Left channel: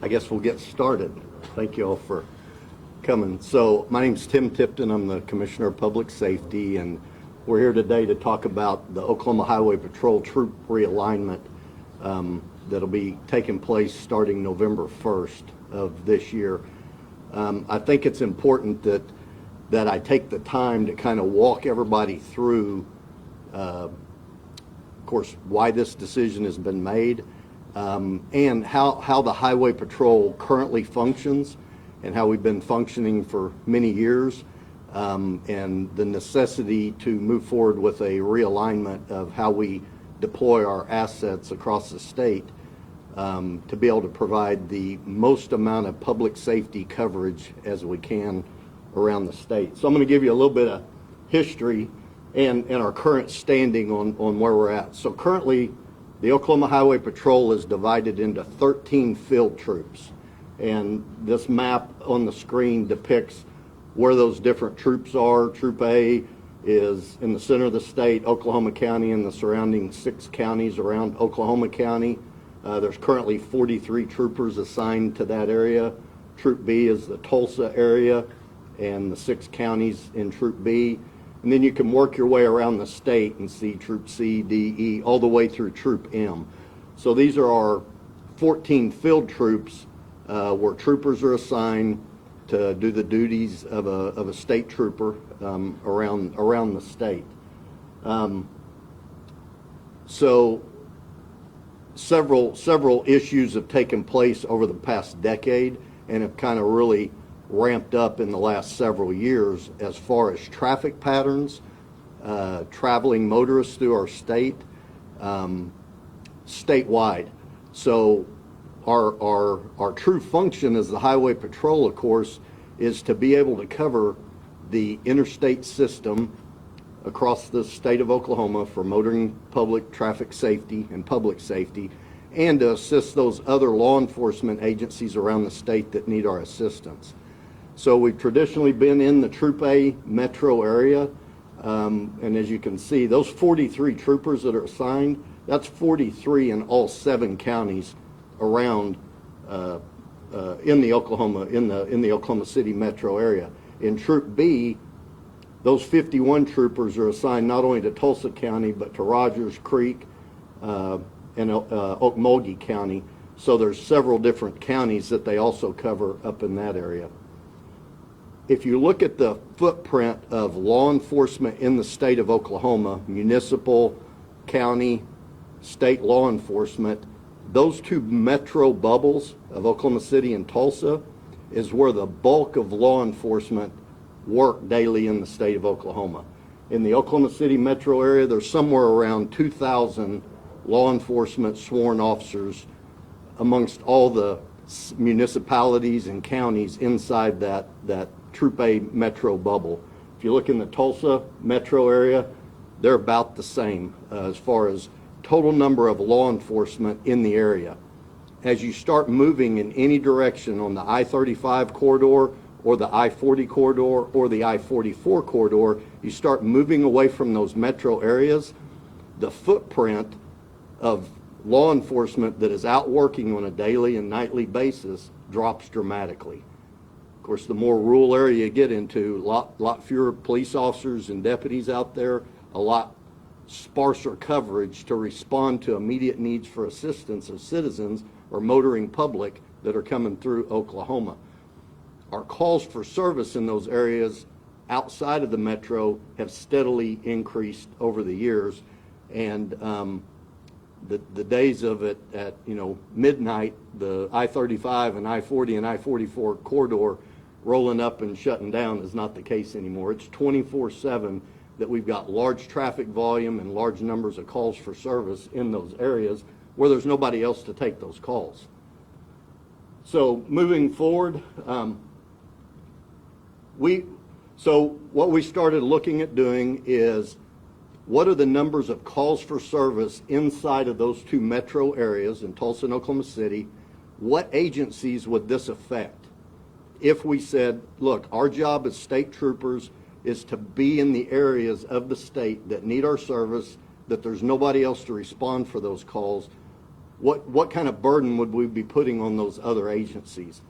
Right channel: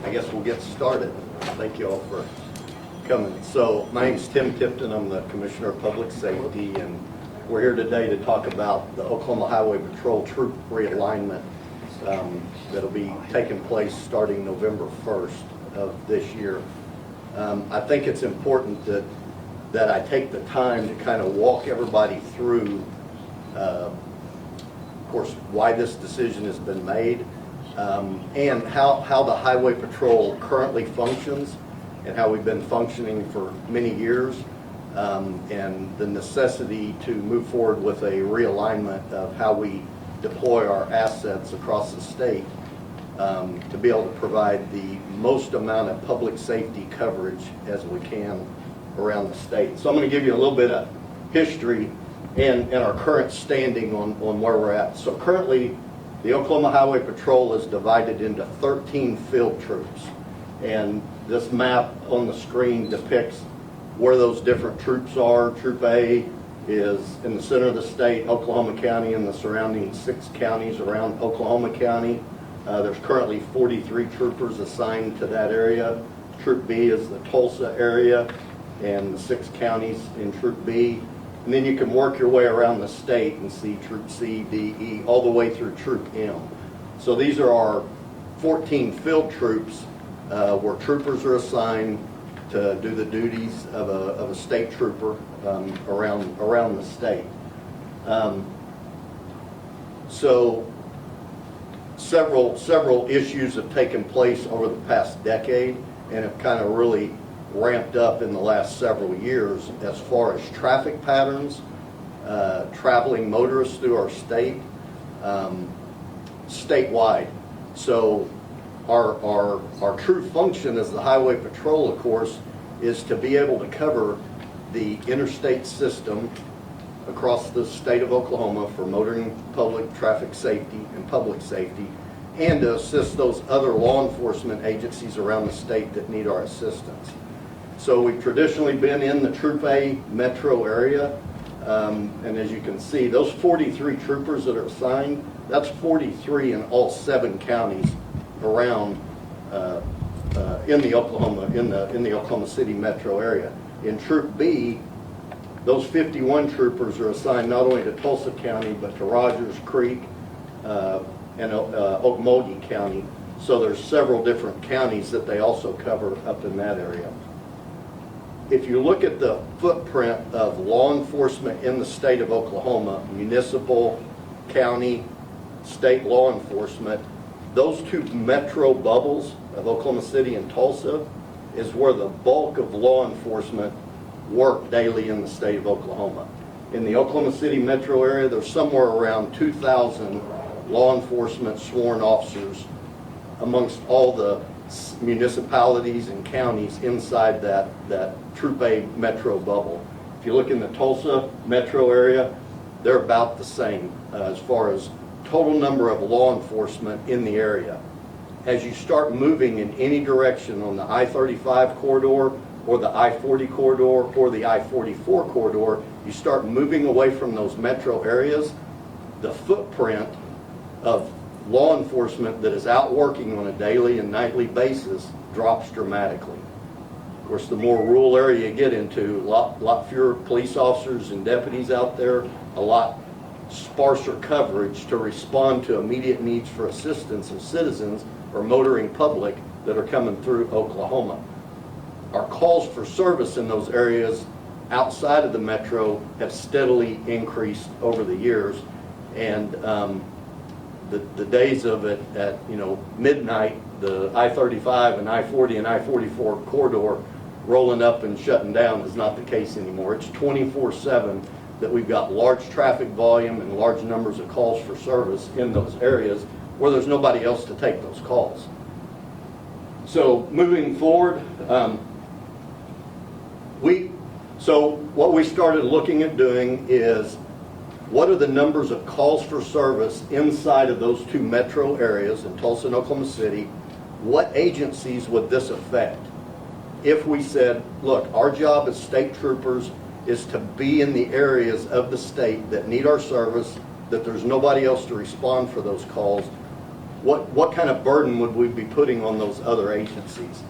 I guess we'll get started. Thank you all for coming. So my name is Tim Tipton. I'm the Commissioner of Public Safety, and we're here today to talk about the Oklahoma Highway Patrol Troop Realignment that'll be taking place starting November 1st of this year. I think it's important that I take the time to kind of walk everybody through, of course, why this decision has been made, and how the Highway Patrol currently functions and how we've been functioning for many years, and the necessity to move forward with a realignment of how we deploy our assets across the state to be able to provide the most amount of public safety coverage as we can around the state. So I'm going to give you a little bit of history and our current standing on where we're at. So currently, the Oklahoma Highway Patrol is divided into 13 field troops. And this map on the screen depicts where those different troops are. Troop A is in the center of the state, Oklahoma County, and the surrounding 6 counties around Oklahoma County. There's currently 43 troopers assigned to that area. Troop B is the Tulsa area and the 6 counties in Troop B. And then you can work your way around the state and see Troop C, D, E, all the way through Troop M. So these are our 14 field troops where troopers are assigned to do the duties of a state trooper around the state. So several issues have taken place over the past decade and have kind of really ramped up in the last several years as far as traffic patterns, traveling motorists through our state, statewide. So our true function as the Highway Patrol, of course, is to be able to cover the interstate system across the state of Oklahoma for motoring, public traffic safety, and public safety, and to assist those other law enforcement agencies around the state that need our assistance. So we've traditionally been in the Troop A metro area, and as you can see, those 43 troopers that are assigned, that's 43 in all 7 counties around in the Oklahoma City metro area. In Troop B, those 51 troopers are assigned not only to Tulsa County but to Rogers Creek and Okmulgee County. So there's several different counties that they also cover up in that area. If you look at the footprint of law enforcement in the state of Oklahoma, municipal, county, state law enforcement, those 2 metro bubbles of Oklahoma City and Tulsa is where the bulk of law enforcement work daily in the state of Oklahoma. In the Oklahoma City metro area, there's somewhere around 2,000 law enforcement sworn officers amongst all the municipalities and counties inside that Troop A metro bubble. If you look in the Tulsa metro area, they're about the same as far as total number of law enforcement in the area. As you start moving in any direction on the I-35 corridor or the I-40 corridor or the I-44 corridor, you start moving away from those metro areas, the footprint of law enforcement that is out working on a daily and nightly basis drops dramatically. Of course, the more rural area you get into, a lot fewer police officers and deputies out there, a lot sparser coverage to respond to immediate needs for assistance of citizens or motoring public that are coming through Oklahoma. Our calls for service in those areas outside of the metro have steadily increased over the years, and the days of it at midnight, the I-35 and I-40 and I-44 corridor rolling up and shutting down is not the case anymore. It's 24/7 that we've got large traffic volume and large numbers of calls for service in those areas where there's nobody else to take those calls. So moving forward, what we started looking at doing is what are the numbers of calls for service inside of those 2 metro areas in Tulsa and Oklahoma City? What agencies would this affect? If we said, look, our job as state troopers is to be in the areas of the state that need our service, that there's nobody else to respond for those calls, what kind of burden would we be putting on those other agencies?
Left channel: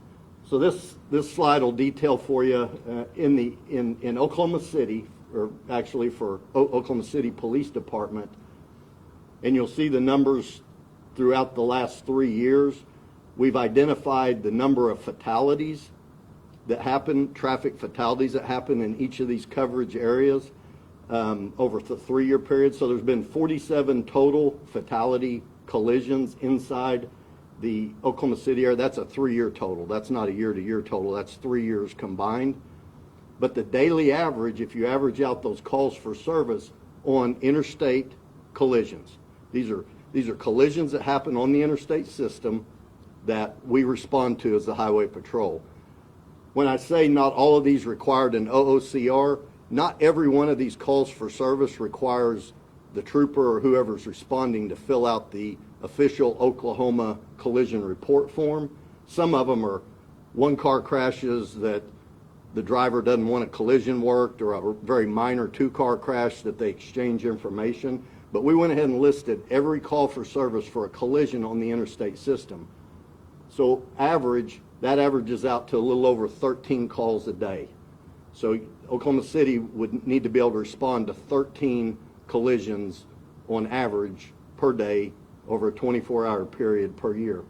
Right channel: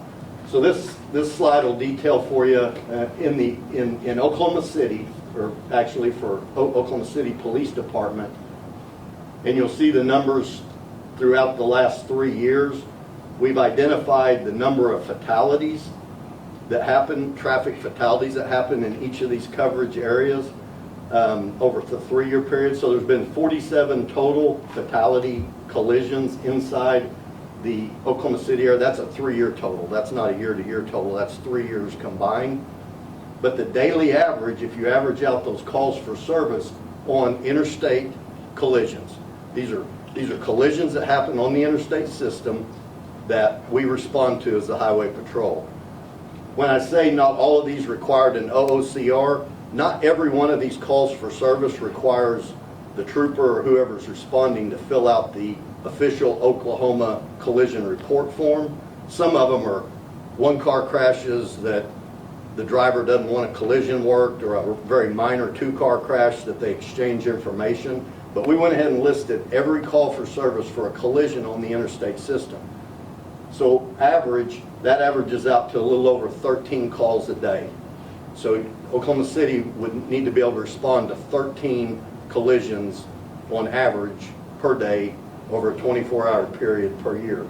So this slide will detail for you in Oklahoma City, or actually for Oklahoma City Police Department, and you'll see the numbers throughout the last 3 years. We've identified the number of fatalities that happen, traffic fatalities that happen in each of these coverage areas over the 3-year period. So there's been 47 total fatality collisions inside the Oklahoma City area. That's a 3-year total. That's not a year-to-year total. That's 3 years combined. But the daily average, if you average out those calls for service on interstate collisions, these are collisions that happen on the interstate system that we respond to as the Highway Patrol. When I say not all of these required an OOCR, not every one of these calls for service requires the trooper or whoever's responding to fill out the official Oklahoma collision report form. Some of them are one-car crashes that the driver doesn't want a collision worked, or a very minor 2-car crash that they exchange information. But we went ahead and listed every call for service for a collision on the interstate system. So that averages out to a little over 13 calls a day. So Oklahoma City would need to be able to respond to 13 collisions on average per day over a 24-hour period per year.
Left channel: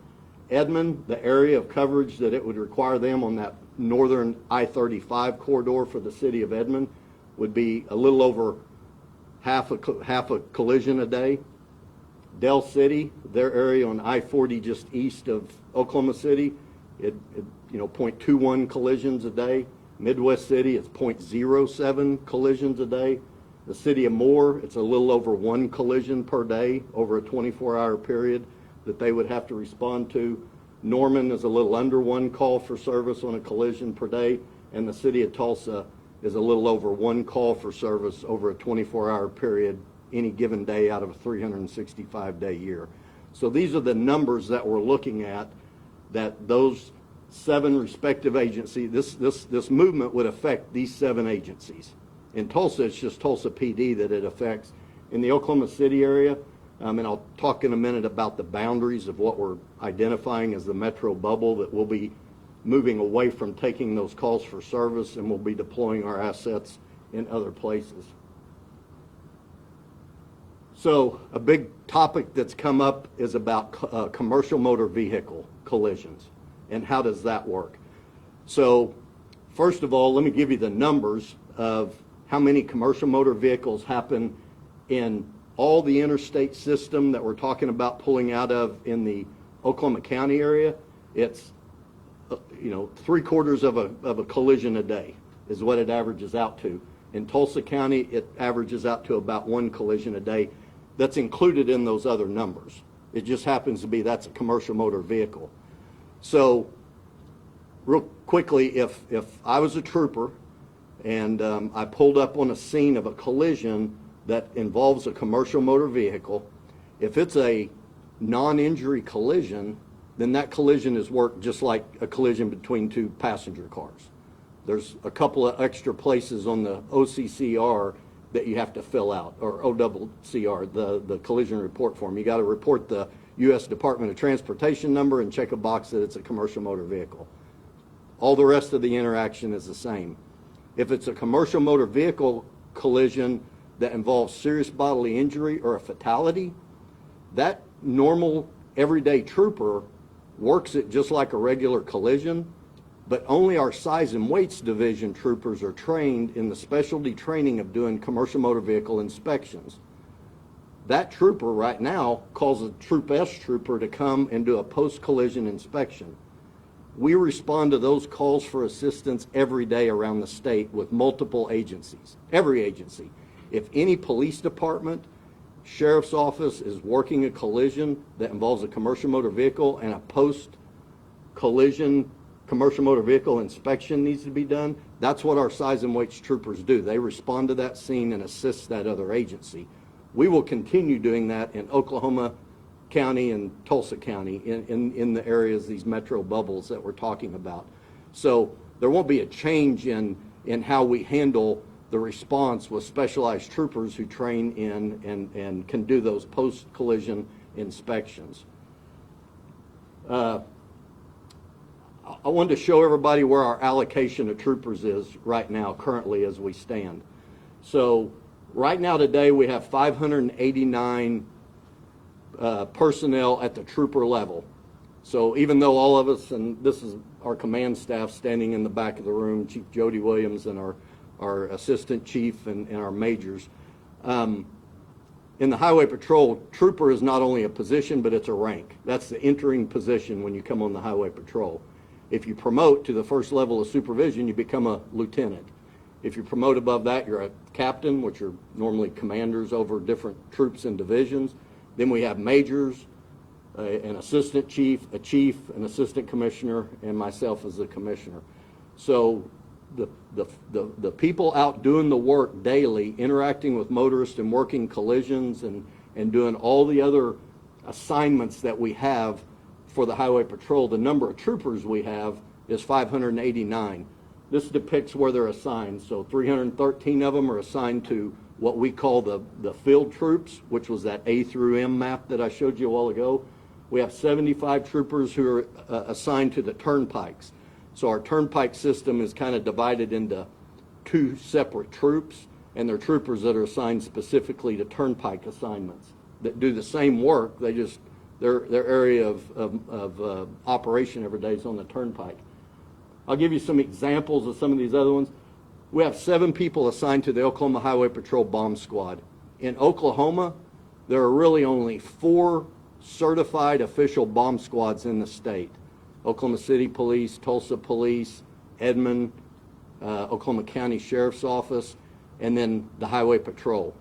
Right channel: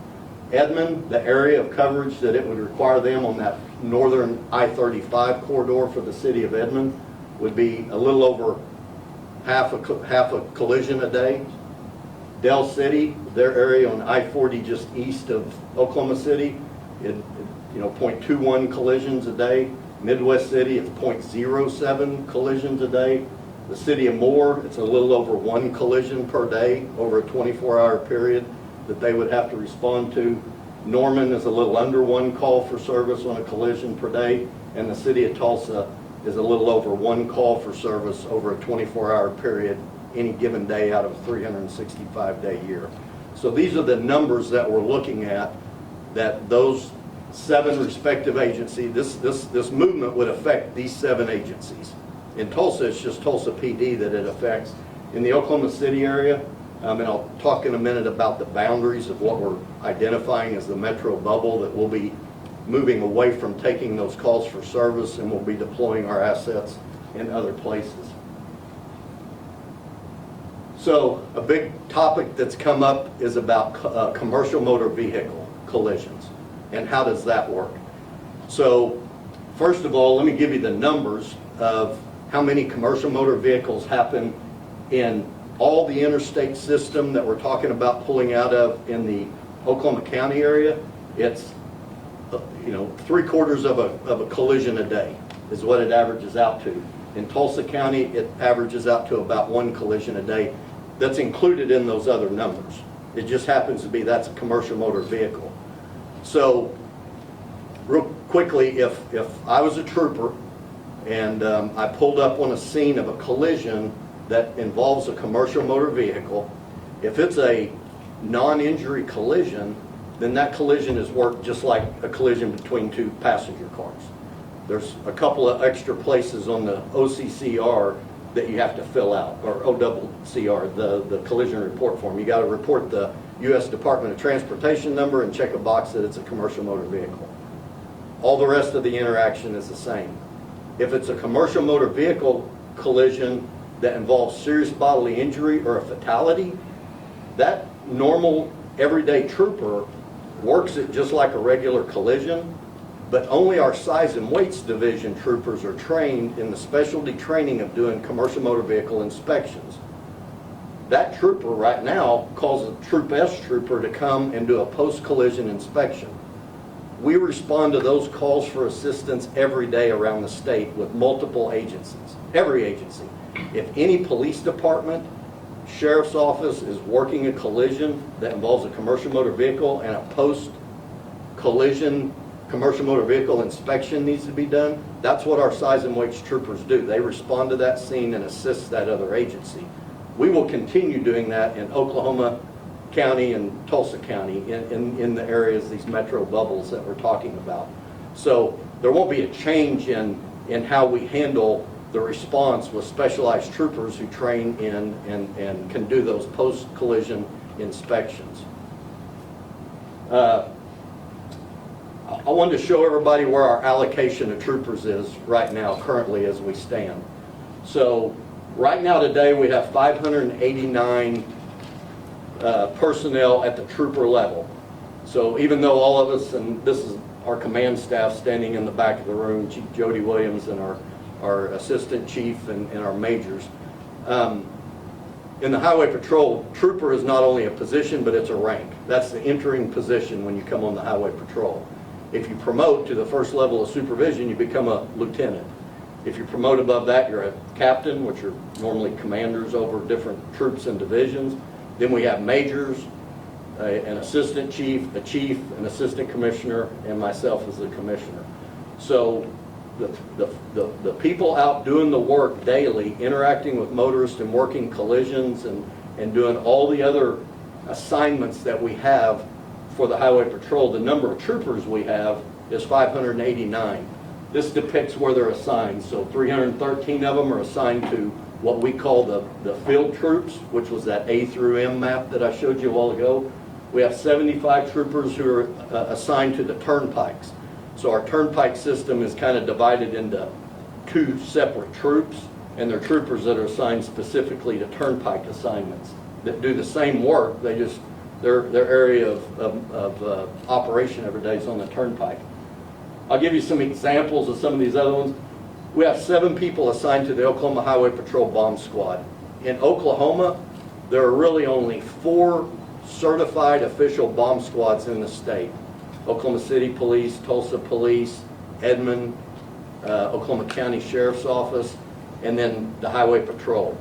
Edmond, the area of coverage that it would require them on that northern I-35 corridor for the city of Edmond would be a little over half a collision a day. Del City, their area on I-40 just east of Oklahoma City, 0.21 collisions a day. Midwest City, it's 0.07 collisions a day. The city of Moore, it's a little over 1 collision per day over a 24-hour period that they would have to respond to. Norman is a little under 1 call for service on a collision per day, and the city of Tulsa is a little over 1 call for service over a 24-hour period any given day out of a 365-day year. So these are the numbers that we're looking at, that those 7 respective agencies, this movement would affect these 7 agencies. In Tulsa, it's just Tulsa PD that it affects. In the Oklahoma City area, and I'll talk in a minute about the boundaries of what we're identifying as the metro bubble, that we'll be moving away from taking those calls for service, and we'll be deploying our assets in other places. So a big topic that's come up is about commercial motor vehicle collisions, and how does that work? So first of all, let me give you the numbers of how many commercial motor vehicles happen in all the interstate system that we're talking about pulling out of in the Oklahoma County area. It's 3/4 of a collision a day is what it averages out to. In Tulsa County, it averages out to about 1 collision a day. That's included in those other numbers. It just happens to be that's a commercial motor vehicle. So real quickly, if I was a trooper and I pulled up on a scene of a collision that involves a commercial motor vehicle, if it's a non-injury collision, then that collision is worked just like a collision between 2 passenger cars. There's a couple of extra places on the OCCR that you have to fill out, or OCCR, the collision report form. You got to report the U.S. Department of Transportation number and check a box that it's a commercial motor vehicle. All the rest of the interaction is the same. If it's a commercial motor vehicle collision that involves serious bodily injury or a fatality, that normal everyday trooper works it just like a regular collision, but only our size and weights division troopers are trained in the specialty training of doing commercial motor vehicle inspections. That trooper right now calls a Troop S trooper to come and do a post-collision inspection. We respond to those calls for assistance every day around the state with multiple agencies, every agency. If any police department, sheriff's office is working a collision that involves a commercial motor vehicle and a post-collision commercial motor vehicle inspection needs to be done, that's what our size and weights troopers do. They respond to that scene and assist that other agency. We will continue doing that in Oklahoma County and Tulsa County in the areas, these metro bubbles that we're talking about. So there won't be a change in how we handle the response with specialized troopers who train in and can do those post-collision inspections. Uh, I wanted to show everybody where our allocation of troopers is right now, currently as we stand. So right now today we have 589 personnel at the trooper level. So even though all of us, and this is our command staff standing in the back of the room, Chief Jody Williams and our assistant chief and our majors. In the highway patrol, trooper is not only a position, but it's a rank. That's the entering position when you come on the highway patrol. If you promote to the first level of supervision, you become a lieutenant. If you promote above that, you're a captain, which are normally commanders over different troops and divisions. Then we have majors, an assistant chief, a chief, an assistant commissioner, and myself as the commissioner. So the people out doing the work daily, interacting with motorists and working collisions and doing all the other assignments that we have for the highway patrol, the number of troopers we have is 589. This depicts where they're assigned. So 313 of them are assigned to what we call the field troops, which was that A through M map that I showed you a while ago. We have 75 troopers who are assigned to the turnpikes. So our turnpike system is kind of divided into two separate troops, and they're troopers that are assigned specifically to turnpike assignments that do the same work. They just, their area of operation every day is on the turnpike. I'll give you some examples of some of these other ones. We have 7 people assigned to the Oklahoma Highway Patrol Bomb Squad. In Oklahoma, there are really only 4 certified official bomb squads in the state. Oklahoma City Police, Tulsa Police, Edmond, Oklahoma County Sheriff's Office, and then the Highway Patrol.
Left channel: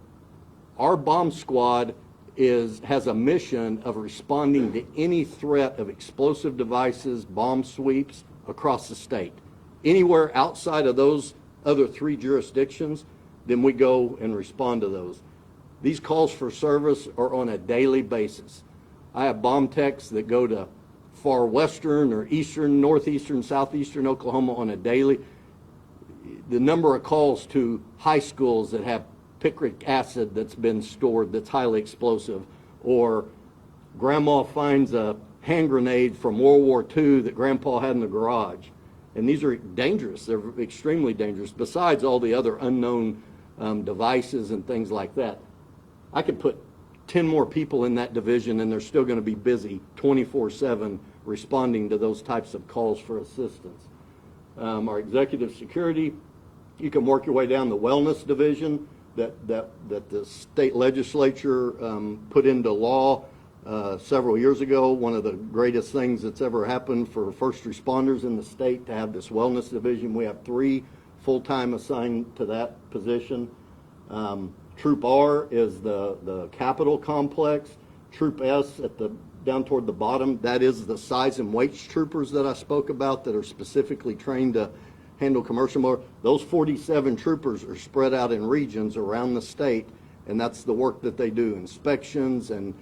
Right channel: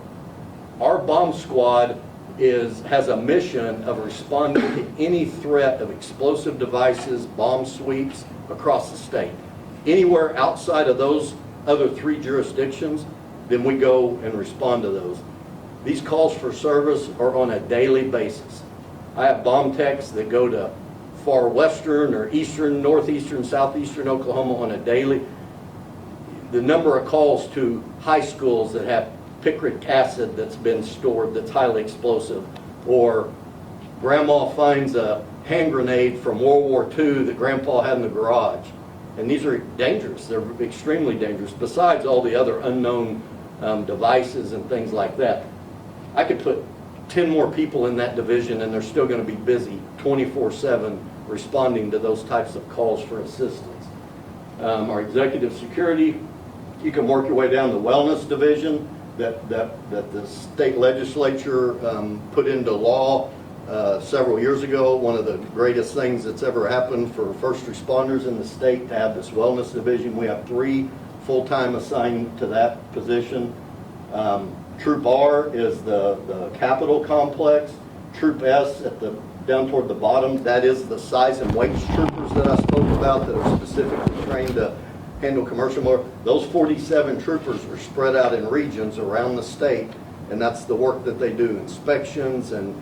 Our bomb squad has a mission of responding to any threat of explosive devices, bomb sweeps across the state. Anywhere outside of those other 3 jurisdictions, then we go and respond to those. These calls for service are on a daily basis. I have bomb techs that go to far western or eastern, northeastern, southeastern Oklahoma on a daily. The number of calls to high schools that have picric acid that's been stored that's highly explosive, or grandma finds a hand grenade from World War II that grandpa had in the garage. And these are dangerous. They're extremely dangerous, besides all the other unknown devices and things like that. I could put 10 more people in that division and they're still going to be busy 24/7 responding to those types of calls for assistance. Our executive security, you can work your way down the wellness division that the state legislature put into law several years ago. One of the greatest things that's ever happened for first responders in the state to have this wellness division. We have 3 full-time assigned to that position. Troop R is the Capitol complex. Troop S down toward the bottom, that is the size and weights troopers that I spoke about that are specifically trained to handle commercial motor. Those 47 troopers are spread out in regions around the state, and that's the work that they do, inspections and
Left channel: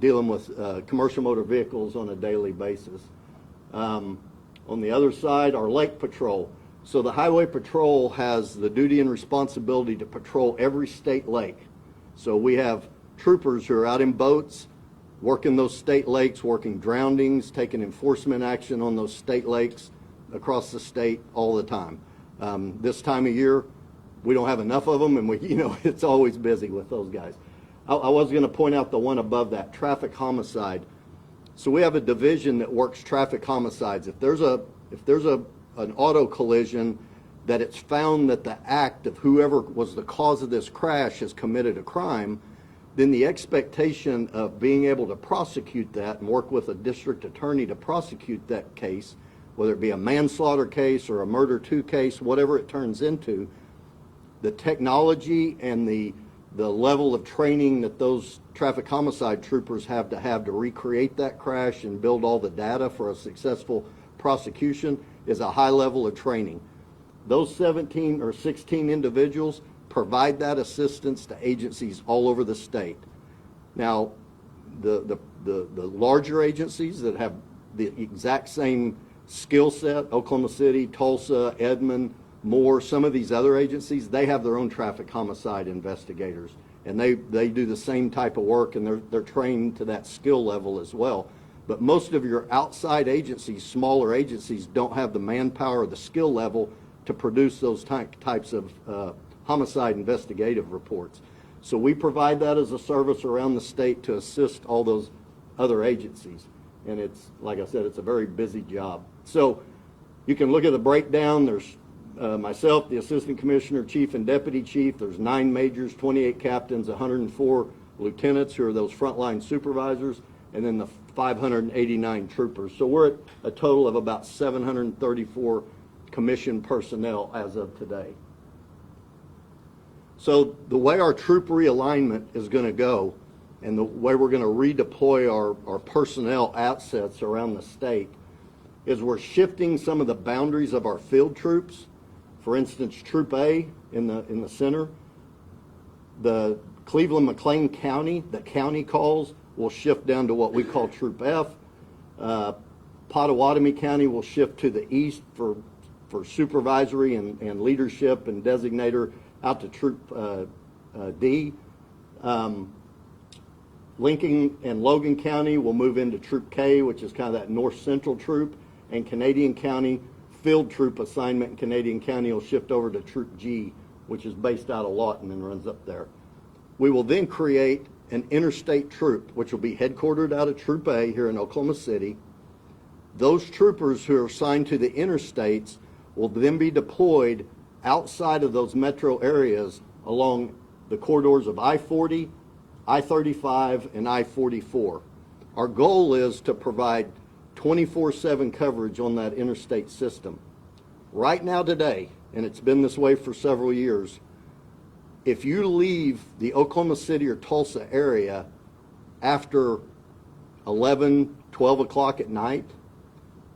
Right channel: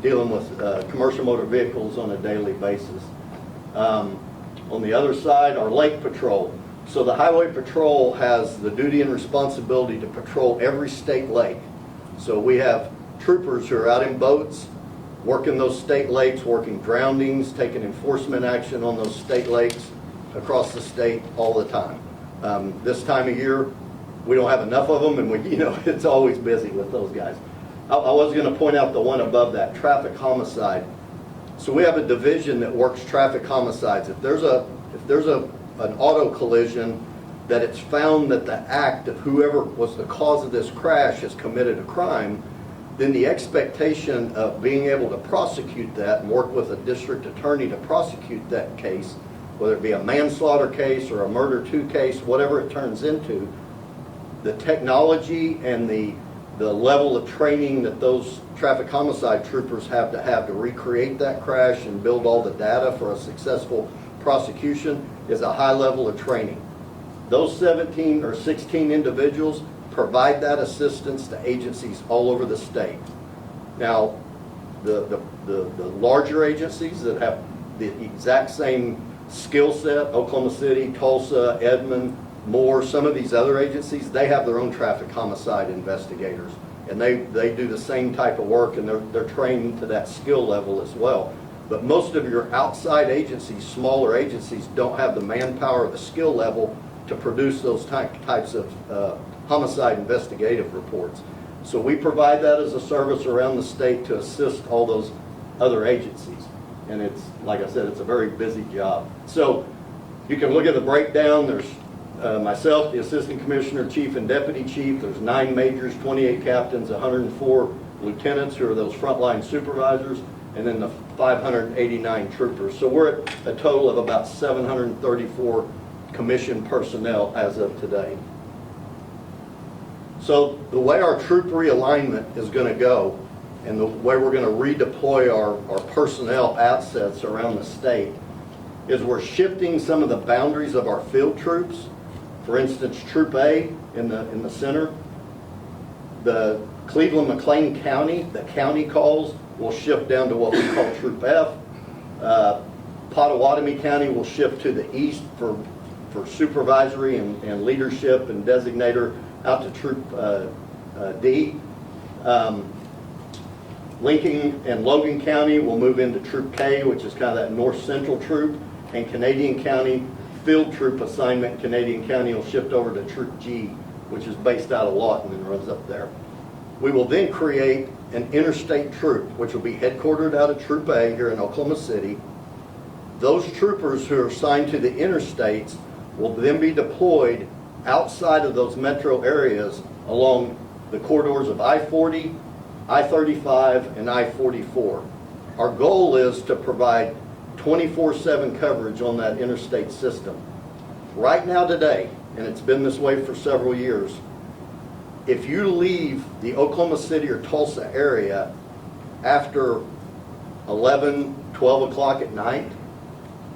dealing with commercial motor vehicles on a daily basis. On the other side, our lake patrol. So the highway patrol has the duty and responsibility to patrol every state lake. So we have troopers who are out in boats, working those state lakes, working drownings, taking enforcement action on those state lakes across the state all the time. This time of year, we don't have enough of them, and it's always busy with those guys. I was going to point out the one above that, traffic homicide. So we have a division that works traffic homicides. If there's an auto collision that it's found that the act of whoever was the cause of this crash has committed a crime, then the expectation of being able to prosecute that and work with a district attorney to prosecute that case, whether it be a manslaughter case or a murder 2 case, whatever it turns into, the technology and the level of training that those traffic homicide troopers have to recreate that crash and build all the data for a successful prosecution is a high level of training. Those 17 or 16 individuals provide that assistance to agencies all over the state. Now, the larger agencies that have the exact same skill set, Oklahoma City, Tulsa, Edmond, Moore, some of these other agencies, they have their own traffic homicide investigators. And they do the same type of work, and they're trained to that skill level as well. But most of your outside agencies, smaller agencies, don't have the manpower or the skill level to produce those types of homicide investigative reports. So we provide that as a service around the state to assist all those other agencies. And it's, like I said, it's a very busy job. So you can look at the breakdown. There's myself, the assistant commissioner, chief, and deputy chief. There's 9 majors, 28 captains, 104 lieutenants who are those frontline supervisors, and then the 589 troopers. So we're at a total of about 734 commissioned personnel as of today. So the way our troop realignment is going to go, and the way we're going to redeploy our personnel assets around the state, is we're shifting some of the boundaries of our field troops. For instance, Troop A in the center, the Cleveland-McLean County, the county calls, will shift down to what we call Troop F. Pottawatomie County will shift to the east for supervisory and leadership and designator out to Troop D. Lincoln and Logan County will move into Troop K, which is kind of that north central troop, and Canadian County field troop assignment, Canadian County will shift over to Troop G, which is based out of Lawton and runs up there. We will then create an interstate troop, which will be headquartered out of Troop A here in Oklahoma City. Those troopers who are assigned to the interstates will then be deployed outside of those metro areas along the corridors of I-40, I-35, and I-44. Our goal is to provide 24/7 coverage on that interstate system. Right now today, and it's been this way for several years, if you leave the Oklahoma City or Tulsa area after 11, 12 o'clock at night,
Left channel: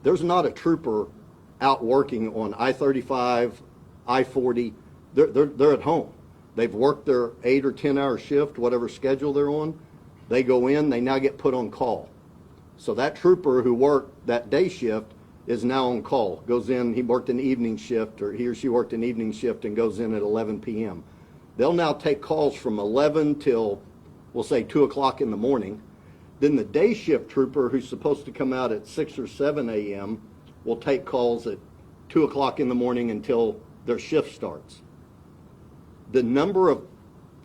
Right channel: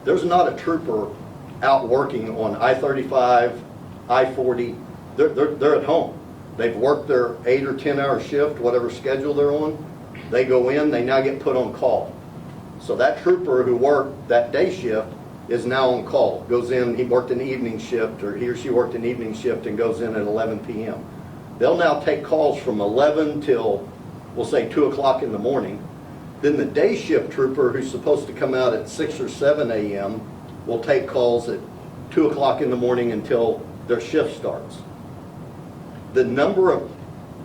there's not a trooper out working on I-35, I-40. They're at home. They've worked their 8 or 10 hour shift, whatever schedule they're on. They go in, they now get put on call. So that trooper who worked that day shift is now on call. Goes in, he worked an evening shift, or he or she worked an evening shift and goes in at 11 p.m. They'll now take calls from 11 till, we'll say 2 o'clock in the morning. Then the day shift trooper, who's supposed to come out at 6 or 7 a.m., will take calls at 2 o'clock in the morning until their shift starts. The number of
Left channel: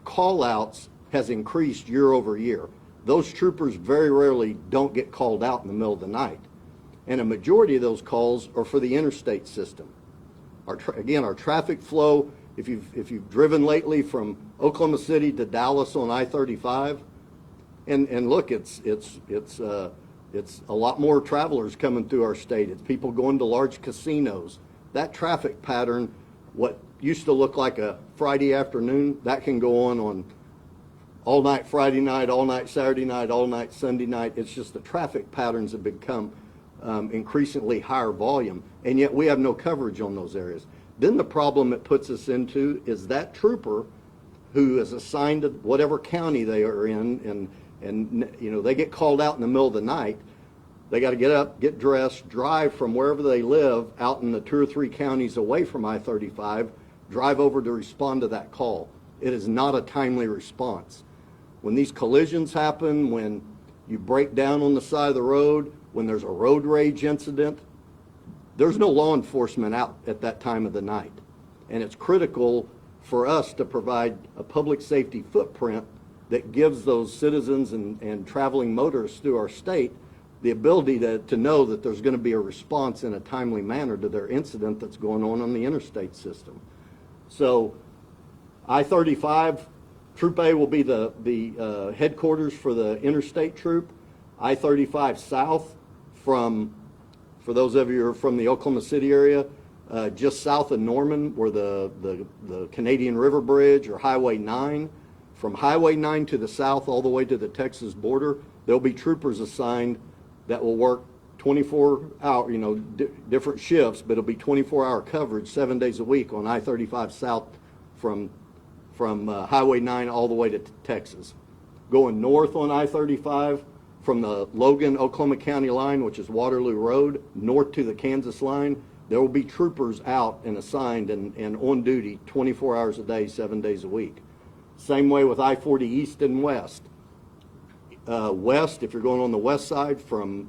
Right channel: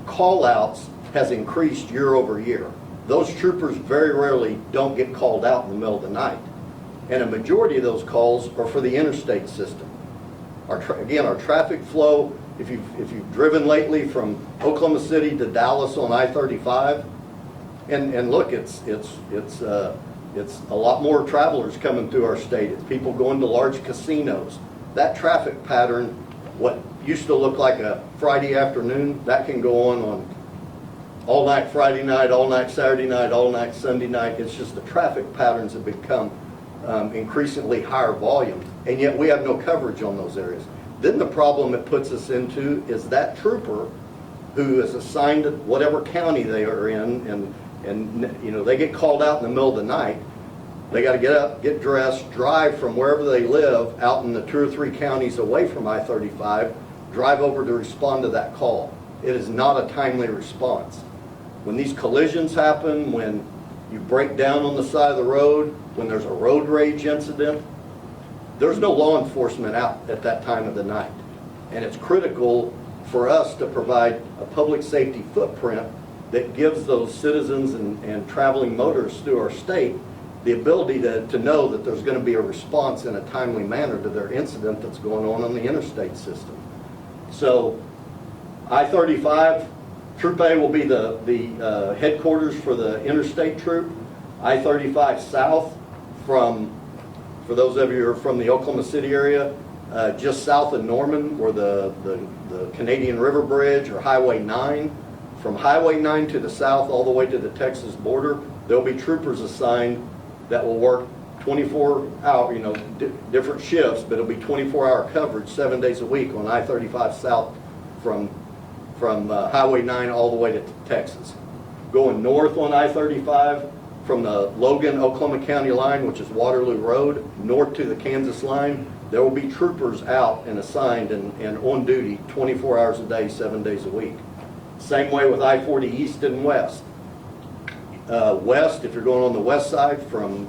call-outs has increased year over year. Those troopers very rarely don't get called out in the middle of the night. And a majority of those calls are for the interstate system. Again, our traffic flow, if you've driven lately from Oklahoma City to Dallas on I-35, and look, it's a lot more travelers coming through our state. It's people going to large casinos. That traffic pattern, what used to look like a Friday afternoon, that can go on all night Friday night, all night Saturday night, all night Sunday night. It's just the traffic patterns have become increasingly higher volume, and yet we have no coverage on those areas. Then the problem it puts us into is that trooper who is assigned to whatever county they are in, and you know, they get called out in the middle of the night. They got to get up, get dressed, drive from wherever they live out in the 2 or 3 counties away from I-35, drive over to respond to that call. It is not a timely response. When these collisions happen, when you break down on the side of the road, when there's a road rage incident, there's no law enforcement out at that time of the night. And it's critical for us to provide a public safety footprint that gives those citizens and traveling motorists through our state the ability to know that there's going to be a response in a timely manner to their incident that's going on the interstate system. So I-35, Troop A will be the headquarters for the interstate troop. I-35 South, for those of you who are from the Oklahoma City area, just south of Norman, where the Canadian River Bridge, or Highway 9. From Highway 9 to the south all the way to the Texas border, there'll be troopers assigned that will work 24 hour, different shifts, but it'll be 24-hour coverage 7 days a week on I-35 South from Highway 9 all the way to Texas. Going north on I-35 from the Logan, Oklahoma County line, which is Waterloo Road, north to the Kansas line, there will be troopers out and assigned and on duty 24 hours a day, 7 days a week. Same way with I-40 east and west. west, if you're going on the west side from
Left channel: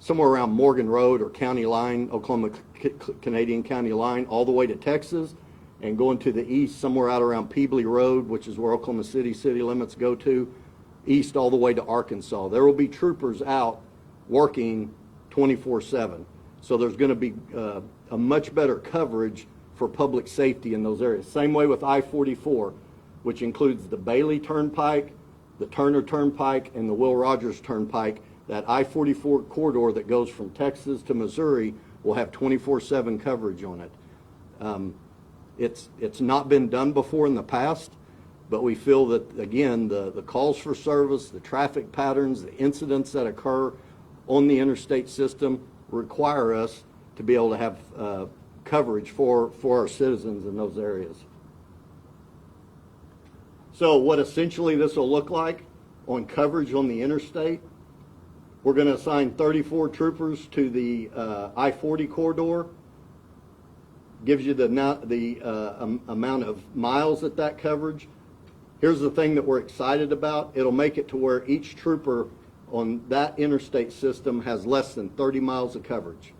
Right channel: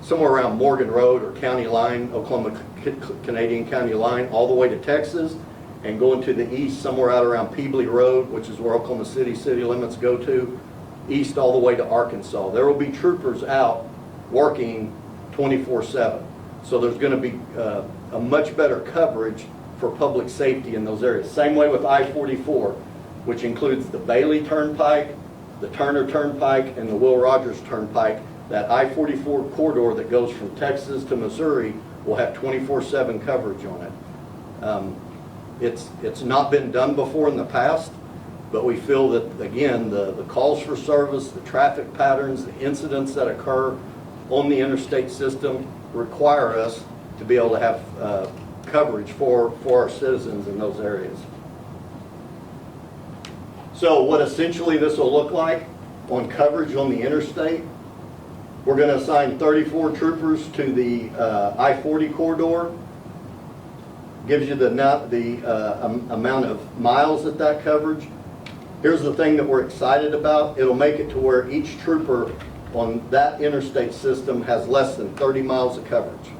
somewhere around Morgan Road or County Line, Oklahoma-Canadian County Line, all the way to Texas, and going to the east somewhere out around Peebly Road, which is where Oklahoma City city limits go to, east all the way to Arkansas. There will be troopers out working 24/7. So there's going to be a much better coverage for public safety in those areas. Same way with I-44, which includes the Bailey Turnpike, the Turner Turnpike, and the Will Rogers Turnpike. That I-44 corridor that goes from Texas to Missouri will have 24/7 coverage on it. It's not been done before in the past, but we feel that, again, the calls for service, the traffic patterns, the incidents that occur on the interstate system require us to be able to have coverage for our citizens in those areas. So what essentially this will look like on coverage on the interstate, we're going to assign 34 troopers to the I-40 corridor. Gives you the amount of miles at that coverage. Here's the thing that we're excited about. It'll make it to where each trooper on that interstate system has less than 30 miles of coverage.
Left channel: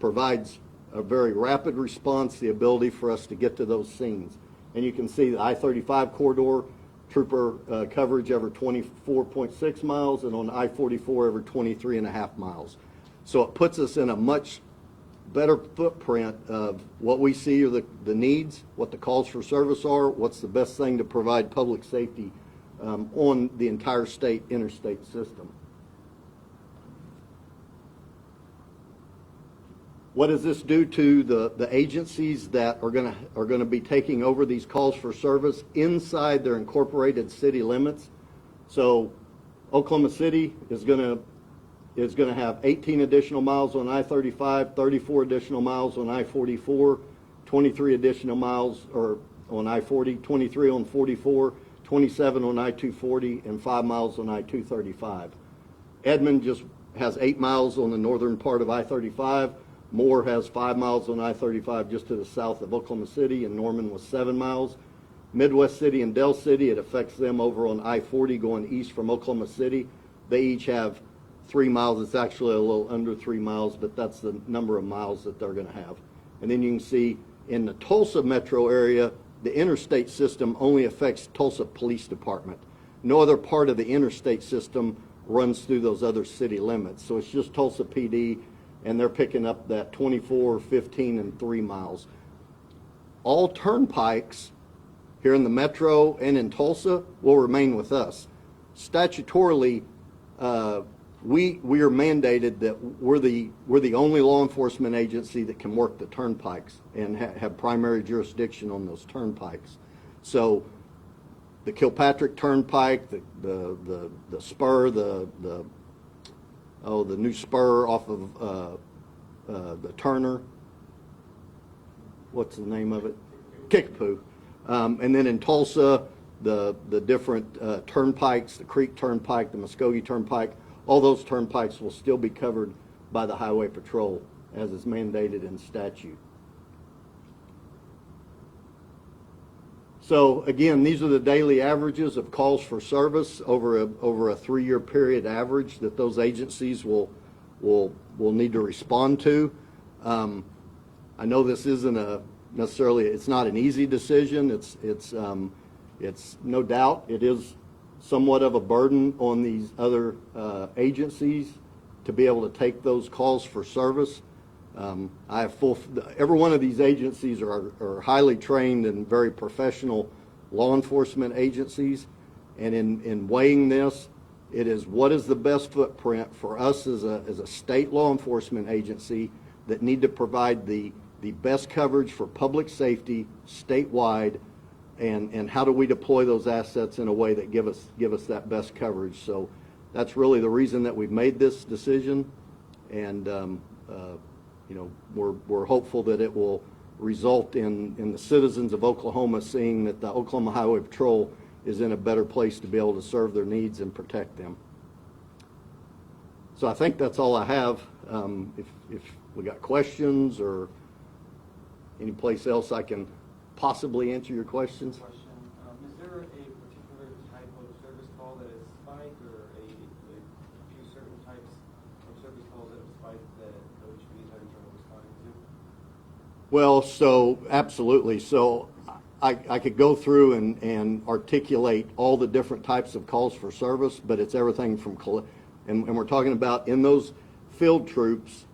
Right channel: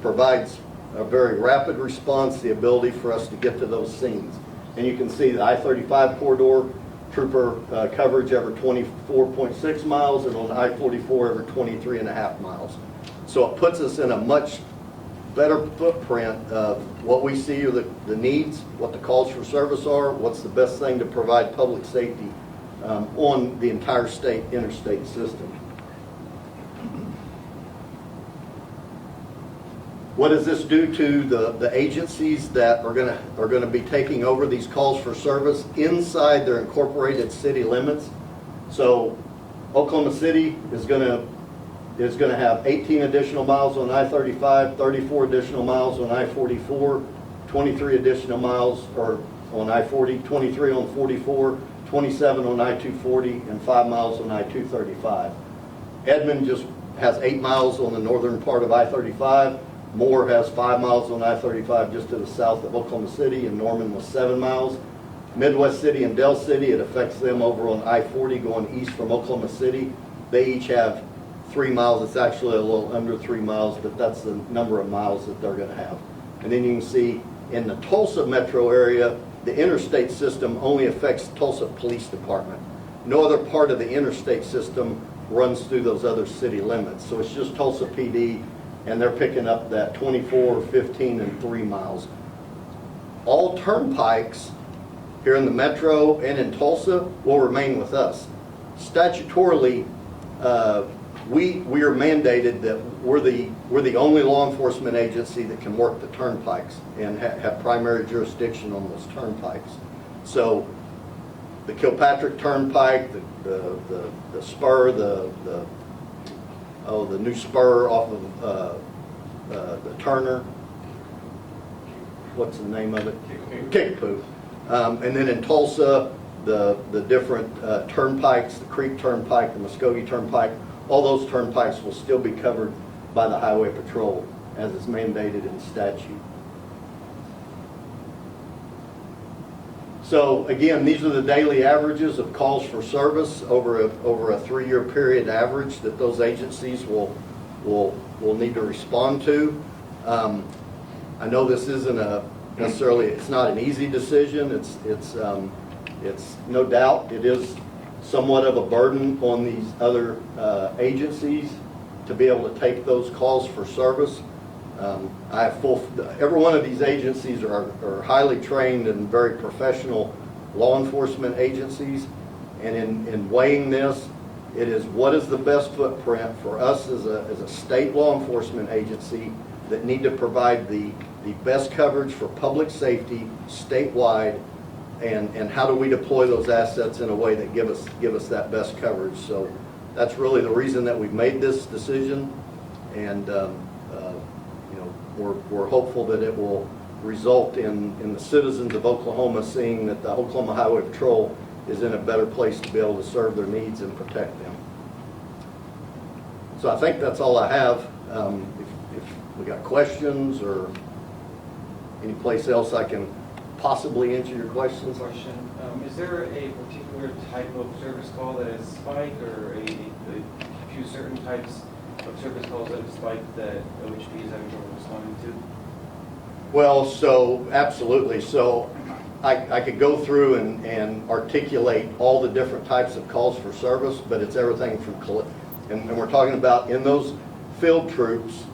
Provides a very rapid response, the ability for us to get to those scenes. And you can see the I-35 corridor, trooper coverage over 24.6 miles, and on the I-44 over 23.5 miles. So it puts us in a much better footprint of what we see are the needs, what the calls for service are, what's the best thing to provide public safety on the entire state interstate system. What does this do to the agencies that are going to be taking over these calls for service inside their incorporated city limits? So Oklahoma City is going to have 18 additional miles on I-35, 34 additional miles on I-44, 23 additional miles on I-40, 23 on 44, 27 on I-240, and 5 miles on I-235. Edmond just has 8 miles on the northern part of I-35. Moore has 5 miles on I-35 just to the south of Oklahoma City, and Norman was 7 miles. Midwest City and Del City, it affects them over on I-40 going east from Oklahoma City. They each have 3 miles. It's actually a little under 3 miles, but that's the number of miles that they're going to have. And then you can see in the Tulsa metro area, the interstate system only affects Tulsa Police Department. No other part of the interstate system runs through those other city limits. So it's just Tulsa PD, and they're picking up that 24, 15, and 3 miles. All turnpikes here in the metro and in Tulsa will remain with us. Statutorily, we are mandated that we're the only law enforcement agency that can work the turnpikes and have primary jurisdiction on those turnpikes. So the Kilpatrick Turnpike, the spur, the new spur off of the Turner, what's the name of it? Kickapoo. And then in Tulsa, the different turnpikes, the Creek Turnpike, the Muskogee Turnpike, all those turnpikes will still be covered by the Highway Patrol as is mandated in statute. So again, these are the daily averages of calls for service over a 3-year period average that those agencies will need to respond to. I know this isn't necessarily, it's not an easy decision. It's no doubt it is somewhat of a burden on these other agencies to be able to take those calls for service. Every one of these agencies are highly trained and very professional law enforcement agencies, and in weighing this, it is what is the best footprint for us as a state law enforcement agency that need to provide the best coverage for public safety statewide, and how do we deploy those assets in a way that give us that best coverage. So that's really the reason that we've made this decision, and we're hopeful that it will result in the citizens of Oklahoma seeing that the Oklahoma Highway Patrol is in a better place to be able to serve their needs and protect them. So I think that's all I have. If we got questions or any place else I can possibly answer your questions. Question. Is there a particular type of service call that is spiked, or a few certain types of service calls that have spiked that OHP is having trouble responding to? Well, so absolutely. So I could go through and articulate all the different types of calls for service, but it's everything from, and we're talking about in those field troops.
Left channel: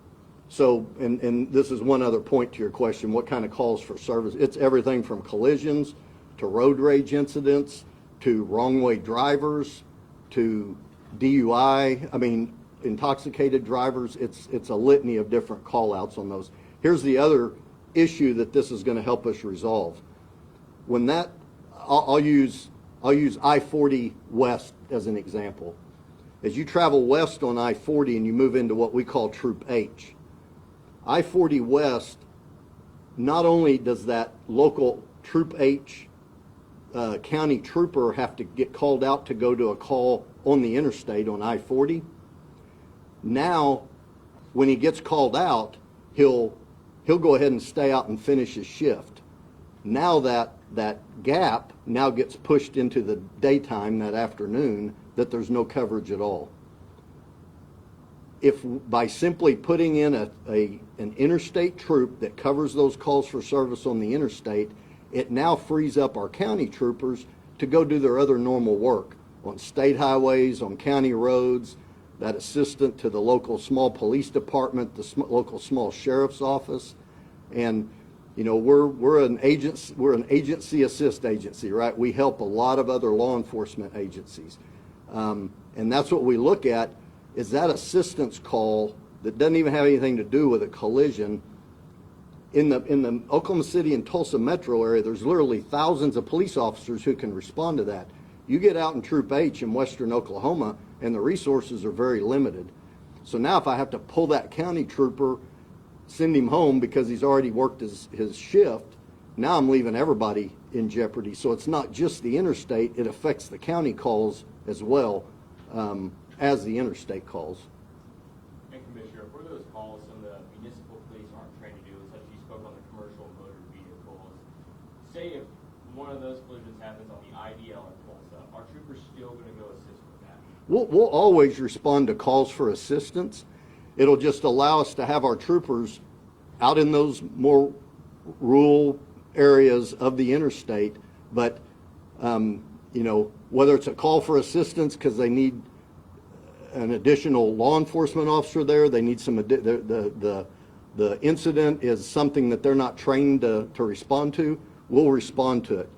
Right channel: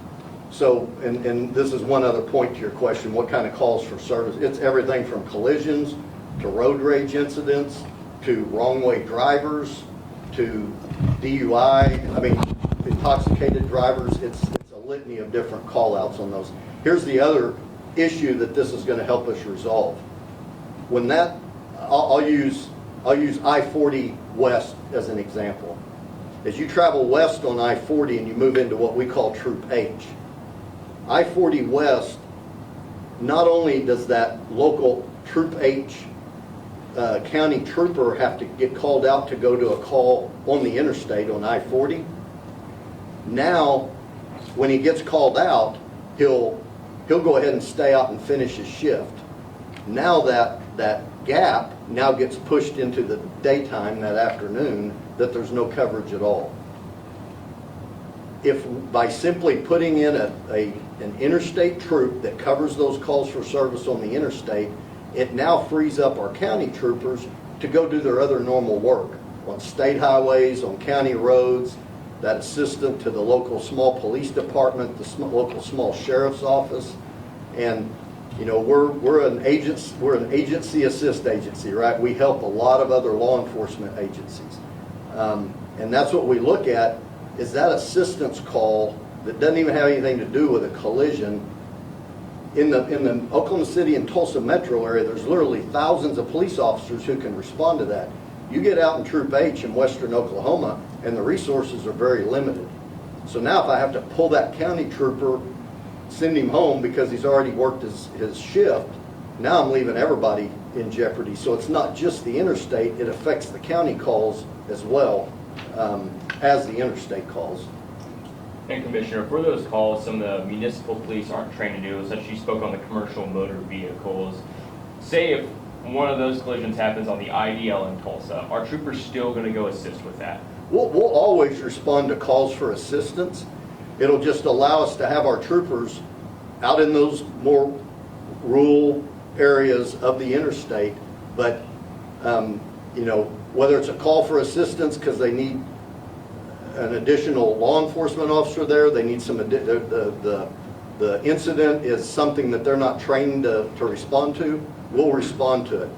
So, and this is one other point to your question, what kind of calls for service? It's everything from collisions to road rage incidents to wrong way drivers to DUI. I mean, intoxicated drivers. It's a litany of different call outs on those. Here's the other issue that this is going to help us resolve. When that, I'll use I-40 west as an example. As you travel west on I-40 and you move into what we call Troop H, I-40 west, not only does that local Troop H county trooper have to get called out to go to a call on the interstate on I-40, now when he gets called out, he'll go ahead and stay out and finish his shift. Now that gap now gets pushed into the daytime, that afternoon, that there's no coverage at all. If by simply putting in an interstate troop that covers those calls for service on the interstate, it now frees up our county troopers to go do their other normal work on state highways, on county roads, that assistant to the local small police department, the local small sheriff's office. And you know, we're an agency assist agency, right? We help a lot of other law enforcement agencies. And that's what we look at, is that assistance call that doesn't even have anything to do with a collision. In the Oklahoma City and Tulsa metro area, there's literally thousands of police officers who can respond to that. You get out in Troop H in western Oklahoma, and the resources are very limited. So now if I have to pull that county trooper, send him home because he's already worked his shift, now I'm leaving everybody in jeopardy. So it's not just the interstate, it affects the county calls as well as the interstate calls. And Commissioner, for those calls, some of the municipal police aren't trained to do, such as you spoke on the commercial motor vehicles. Say if one of those collisions happens on the IDL in Tulsa, are troopers still going to go assist with that? We'll always respond to calls for assistance. It'll just allow us to have our troopers out in those more rural areas of the interstate. But, you know, whether it's a call for assistance because they need an additional law enforcement officer there, they need some, the incident is something that they're not trained to respond to, we'll respond to it.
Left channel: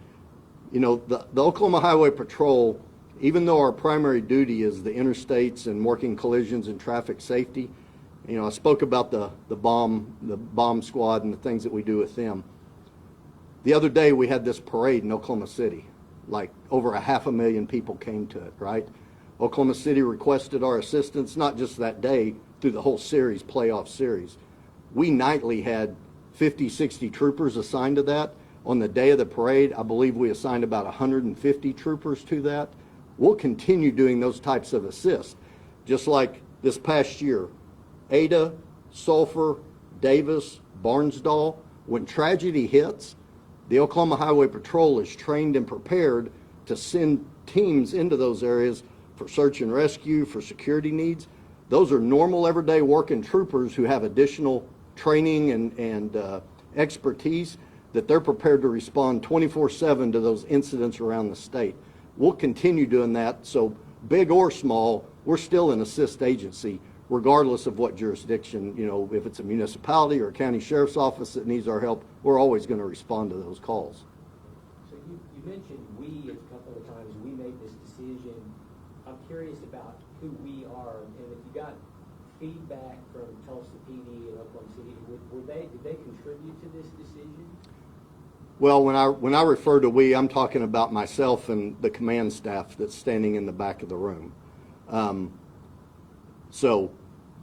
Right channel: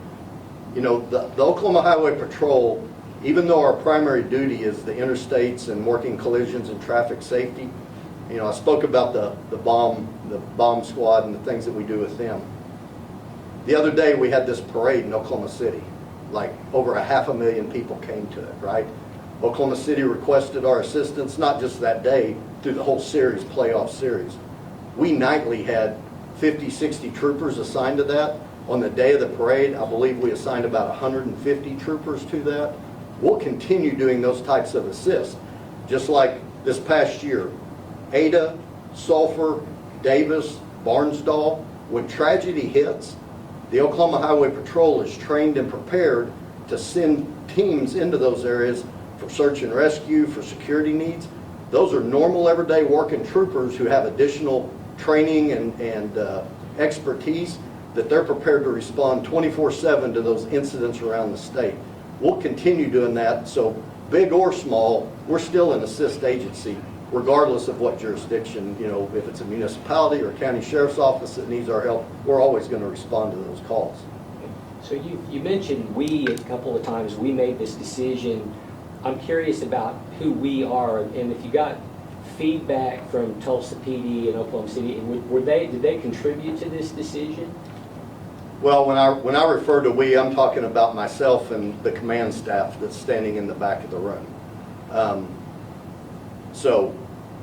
You know, the Oklahoma Highway Patrol, even though our primary duty is the interstates and working collisions and traffic safety, you know, I spoke about the bomb squad and the things that we do with them. The other day we had this parade in Oklahoma City. Like over 500,000 people came to it, right? Oklahoma City requested our assistance, not just that day, through the whole series, playoff series. We nightly had 50, 60 troopers assigned to that. On the day of the parade, I believe we assigned about 150 troopers to that. We'll continue doing those types of assists. Just like this past year, Ada, Sulphur, Davis, Barnsdall, when tragedy hits, the Oklahoma Highway Patrol is trained and prepared to send teams into those areas for search and rescue, for security needs. Those are normal everyday working troopers who have additional training and expertise that they're prepared to respond 24/7 to those incidents around the state. We'll continue doing that, so big or small, we're still an assist agency, regardless of what jurisdiction, you know, if it's a municipality or a county sheriff's office that needs our help, we're always going to respond to those calls. So you mentioned we a couple of times, we made this decision. I'm curious about who we are, and if you got feedback from Tulsa PD and Oklahoma City, did they contribute to this decision? Well, when I refer to we, I'm talking about myself and the command staff that's standing in the back of the room. So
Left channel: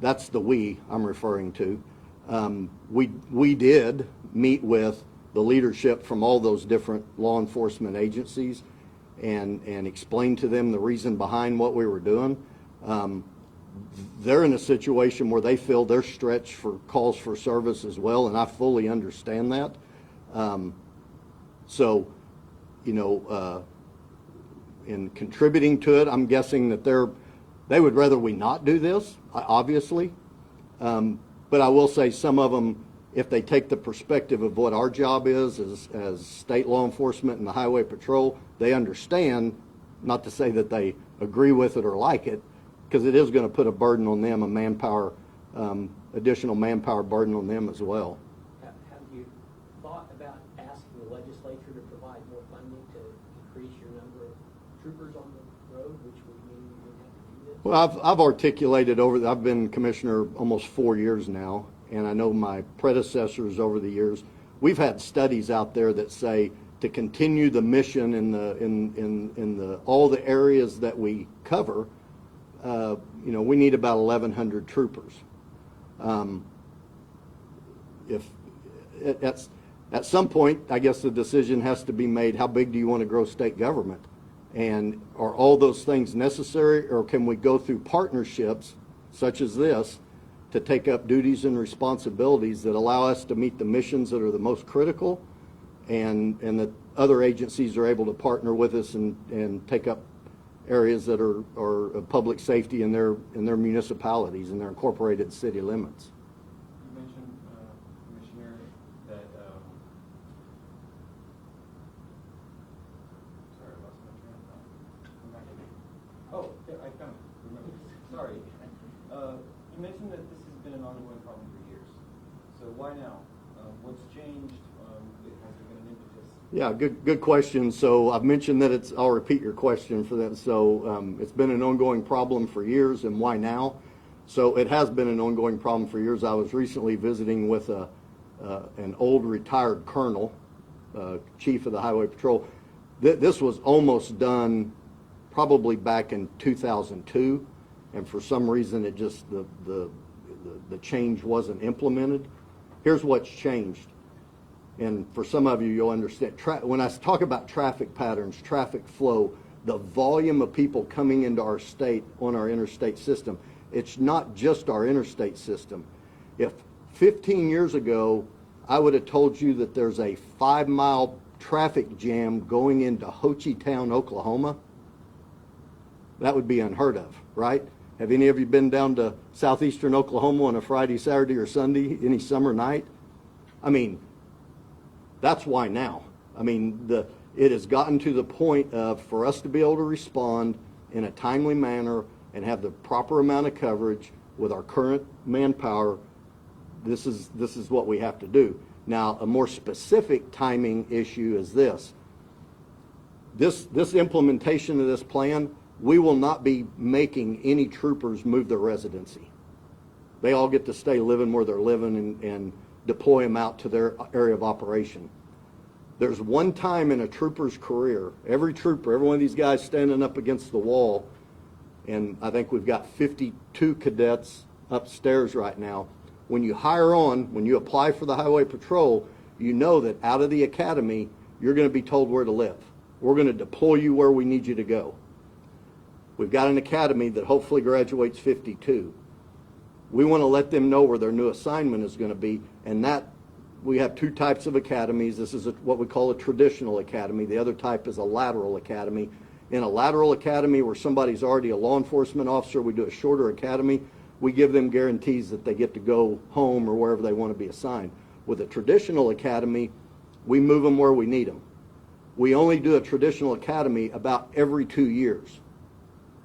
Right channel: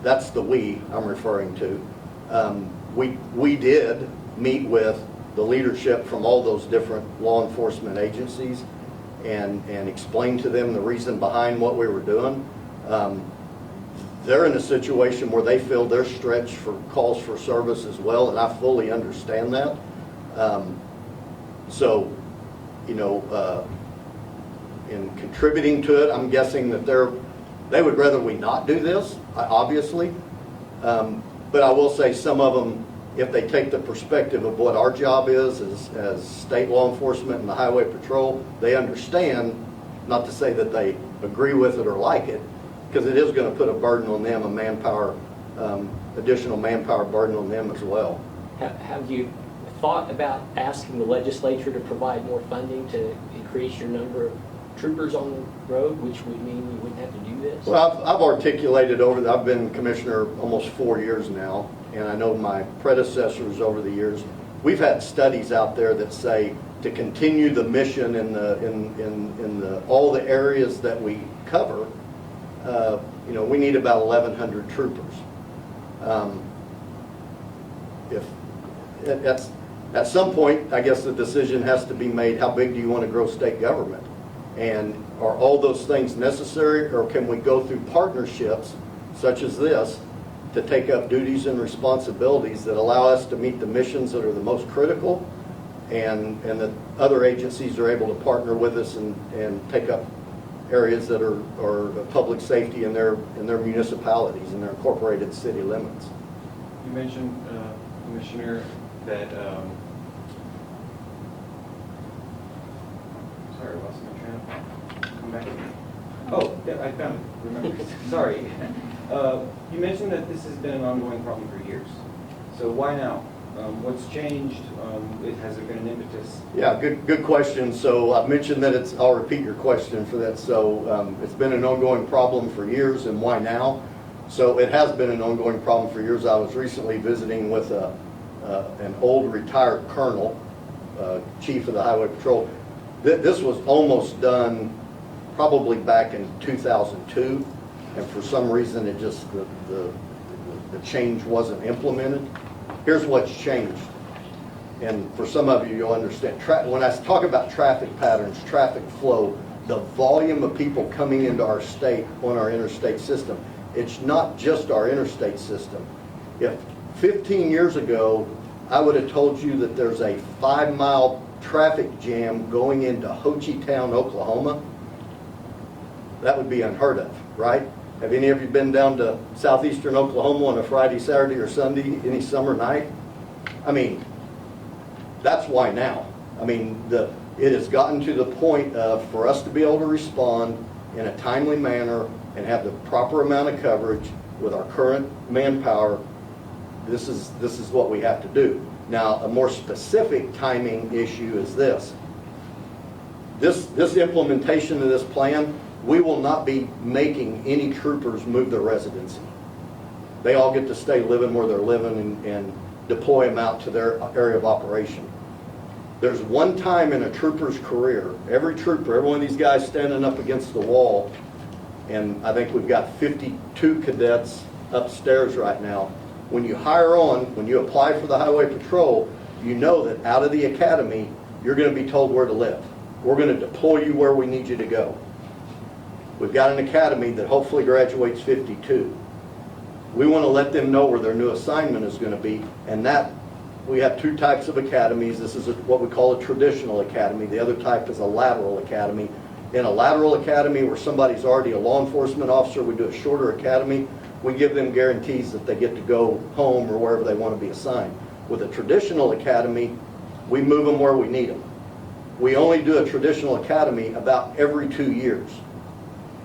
that's the we I'm referring to. We did meet with the leadership from all those different law enforcement agencies and explain to them the reason behind what we were doing. They're in a situation where they feel they're stretched for calls for service as well, and I fully understand that. So, in contributing to it, I'm guessing that they would rather we not do this, obviously. But I will say some of them, if they take the perspective of what our job is as state law enforcement and the highway patrol, they understand, not to say that they agree with it or like it, because it is going to put a burden on them, a manpower, additional manpower burden on them as well. Have you thought about asking the legislature to provide more funding to increase your number of troopers on the road, which would mean you wouldn't have to do this? Well, I've articulated I've been commissioner almost 4 years now, and I know my predecessors over the years, we've had studies out there that say to continue the mission in all the areas that we cover, we need about 1,100 troopers. At some point, I guess the decision has to be made, how big do you want to grow state government? And are all those things necessary, or can we go through partnerships such as this to take up duties and responsibilities that allow us to meet the missions that are the most critical, and that other agencies are able to partner with us and take up areas that are public safety in their municipalities, in their incorporated city limits. You mentioned, Commissioner, that, sorry, I lost my train of thought. Come back to me. Oh, yeah, I found it. Remember. Sorry. You mentioned that this has been an ongoing problem for years. So why now? What's changed? Has there been an impetus? Yeah, good question. So I mentioned that I'll repeat your question for that. So it's been an ongoing problem for years, and why now? So it has been an ongoing problem for years. I was recently visiting with an old retired colonel, chief of the Highway Patrol. This was almost done probably back in 2002, and for some reason it just, the change wasn't implemented. Here's what's changed, and for some of you, you'll understand. When I talk about traffic patterns, traffic flow, the volume of people coming into our state on our interstate system, it's not just our interstate system. If 15 years ago, I would have told you that there's a 5-mile traffic jam going into Ho Chi Town, Oklahoma, that would be unheard of, right? Have any of you been down to southeastern Oklahoma on a Friday, Saturday, or Sunday, any summer night? I mean, that's why now. I mean, it has gotten to the point of, for us to be able to respond in a timely manner and have the proper amount of coverage with our current manpower, this is what we have to do. Now, a more specific timing issue is this. This implementation of this plan, we will not be making any troopers move their residency. They all get to stay living where they're living and deploy them out to their area of operation. There's one time in a trooper's career, every one of these guys standing up against the wall, and I think we've got 52 cadets upstairs right now. When you when you apply for the Highway Patrol, you know that out of the academy, you're going to be told where to live. We're going to deploy you where we need you to go. We've got an academy that hopefully graduates 52. We want to let them know where their new assignment is going to be, and that we have 2 types of academies. This is what we call a traditional academy. The other type is a lateral academy. In a lateral academy where somebody's already a law enforcement officer, we do a shorter academy. We give them guarantees that they get to go home or wherever they want to be assigned. With a traditional academy, we move them where we need them. We only do a traditional academy about every 2 years.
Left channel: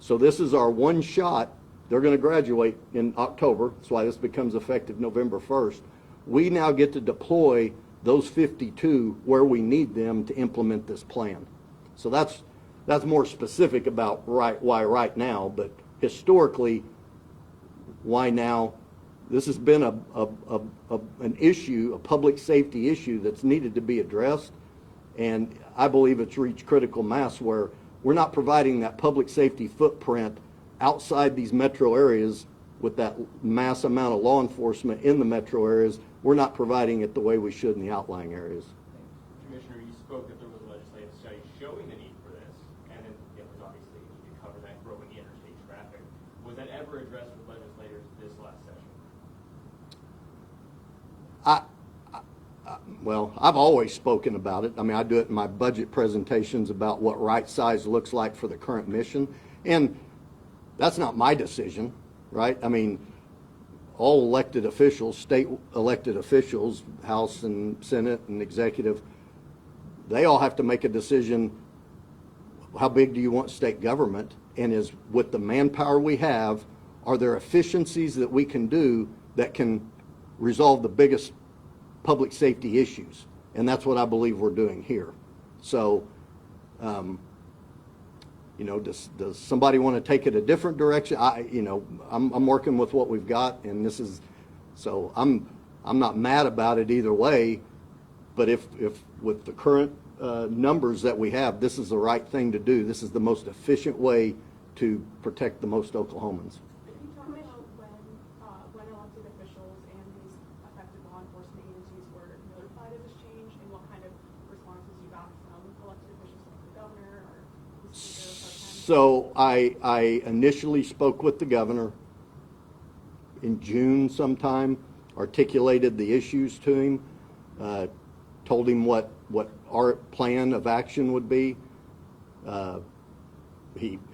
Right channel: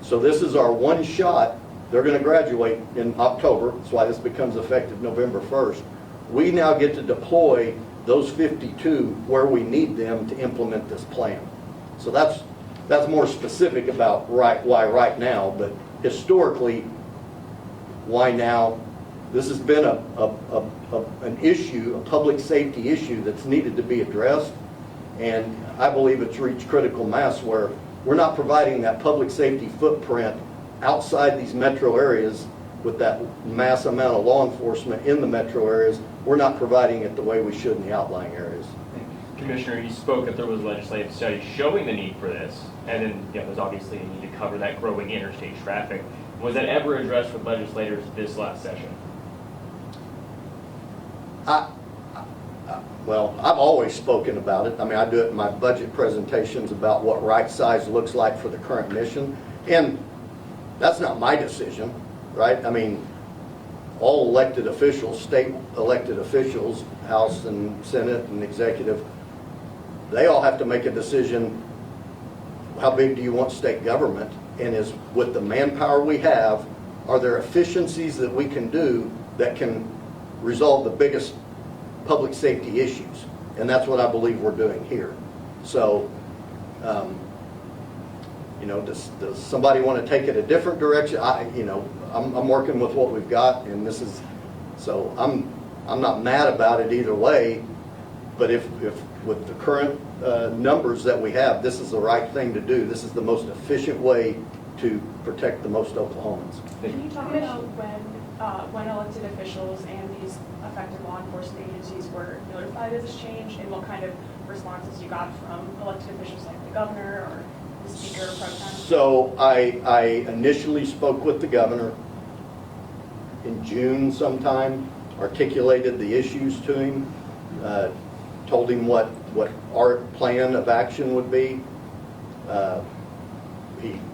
So this is our one shot. They're going to graduate in October. That's why this becomes effective November 1st. We now get to deploy those 52 where we need them to implement this plan. So that's more specific about why right now, but historically, why now? This has been an issue, a public safety issue that's needed to be addressed, and I believe it's reached critical mass where we're not providing that public safety footprint outside these metro areas with that mass amount of law enforcement in the metro areas. We're not providing it the way we should in the outlying areas. Commissioner, you spoke that there was legislative study showing the need for this, and then there's obviously a need to cover that growing interstate traffic. Was that ever addressed with legislators this last session? Well, I've always spoken about it. I mean, I do it in my budget presentations about what right size looks like for the current mission. And that's not my decision, right? I mean, all elected officials, state elected officials, House and Senate and executive, they all have to make a decision, how big do you want state government? And is with the manpower we have, are there efficiencies that we can do that can resolve the biggest public safety issues? And that's what I believe we're doing here. So, you know, does somebody want to take it a different direction? I'm working with what we've got, and this is, so I'm not mad about it either way. But if with the current numbers that we have, this is the right thing to do. This is the most efficient way to protect the most Oklahomans. Can you talk about when elected officials and these affected law enforcement agencies were notified of this change, and what kind of responses you got from elected officials like the governor or the speaker pro tem? So I initially spoke with the governor in June sometime, articulated the issues to him, told him what our plan of action would be.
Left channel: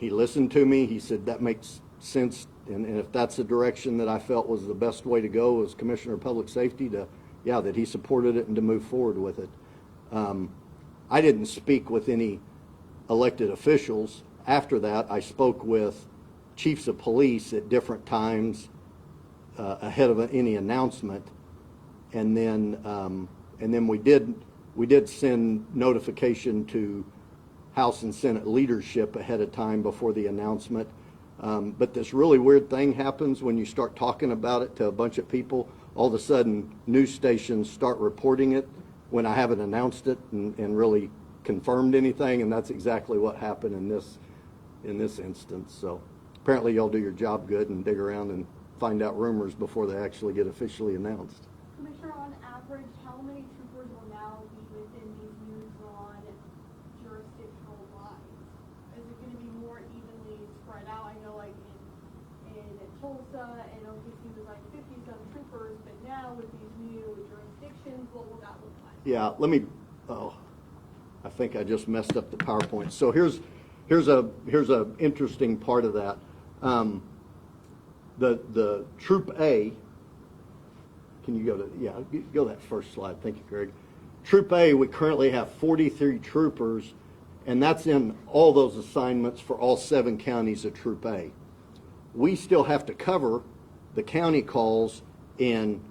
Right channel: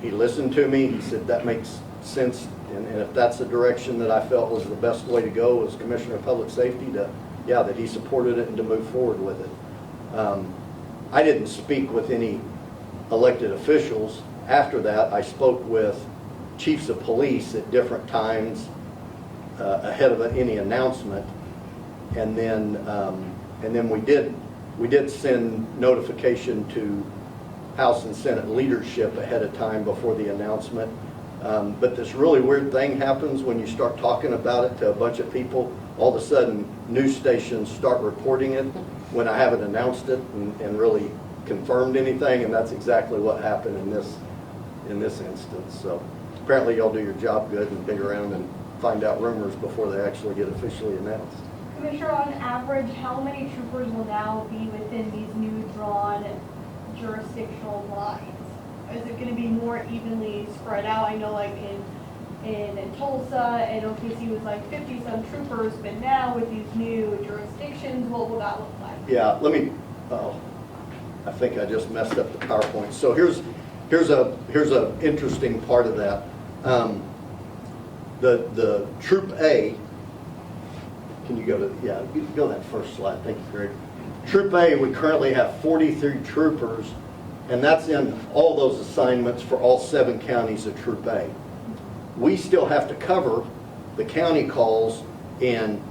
He listened to me. He said that makes sense, and if that's the direction that I felt was the best way to go as Commissioner of Public Safety, that he supported it and to move forward with it. I didn't speak with any elected officials. After that, I spoke with chiefs of police at different times ahead of any announcement, and then we did send notification to House and Senate leadership ahead of time before the announcement. But this really weird thing happens when you start talking about it to a bunch of people. All of a sudden, news stations start reporting it when I haven't announced it and really confirmed anything, and that's exactly what happened in this instance. So apparently y'all do your job good and dig around and find out rumors before they actually get officially announced. Commissioner, on average, how many troopers will now be within these new drawn jurisdictional lines? Is it going to be more evenly spread out? I know like in Tulsa and OKC was like 50-some troopers, but now with these new jurisdictions, what will that look like? Yeah, I think I just messed up the PowerPoint. So here's a interesting part of that. The Troop A, can you go to, yeah, you go to that first slide, thank you, Greg. Troop A, we currently have 43 troopers, and that's in all those assignments for all 7 counties of Troop A. We still have to cover the county calls in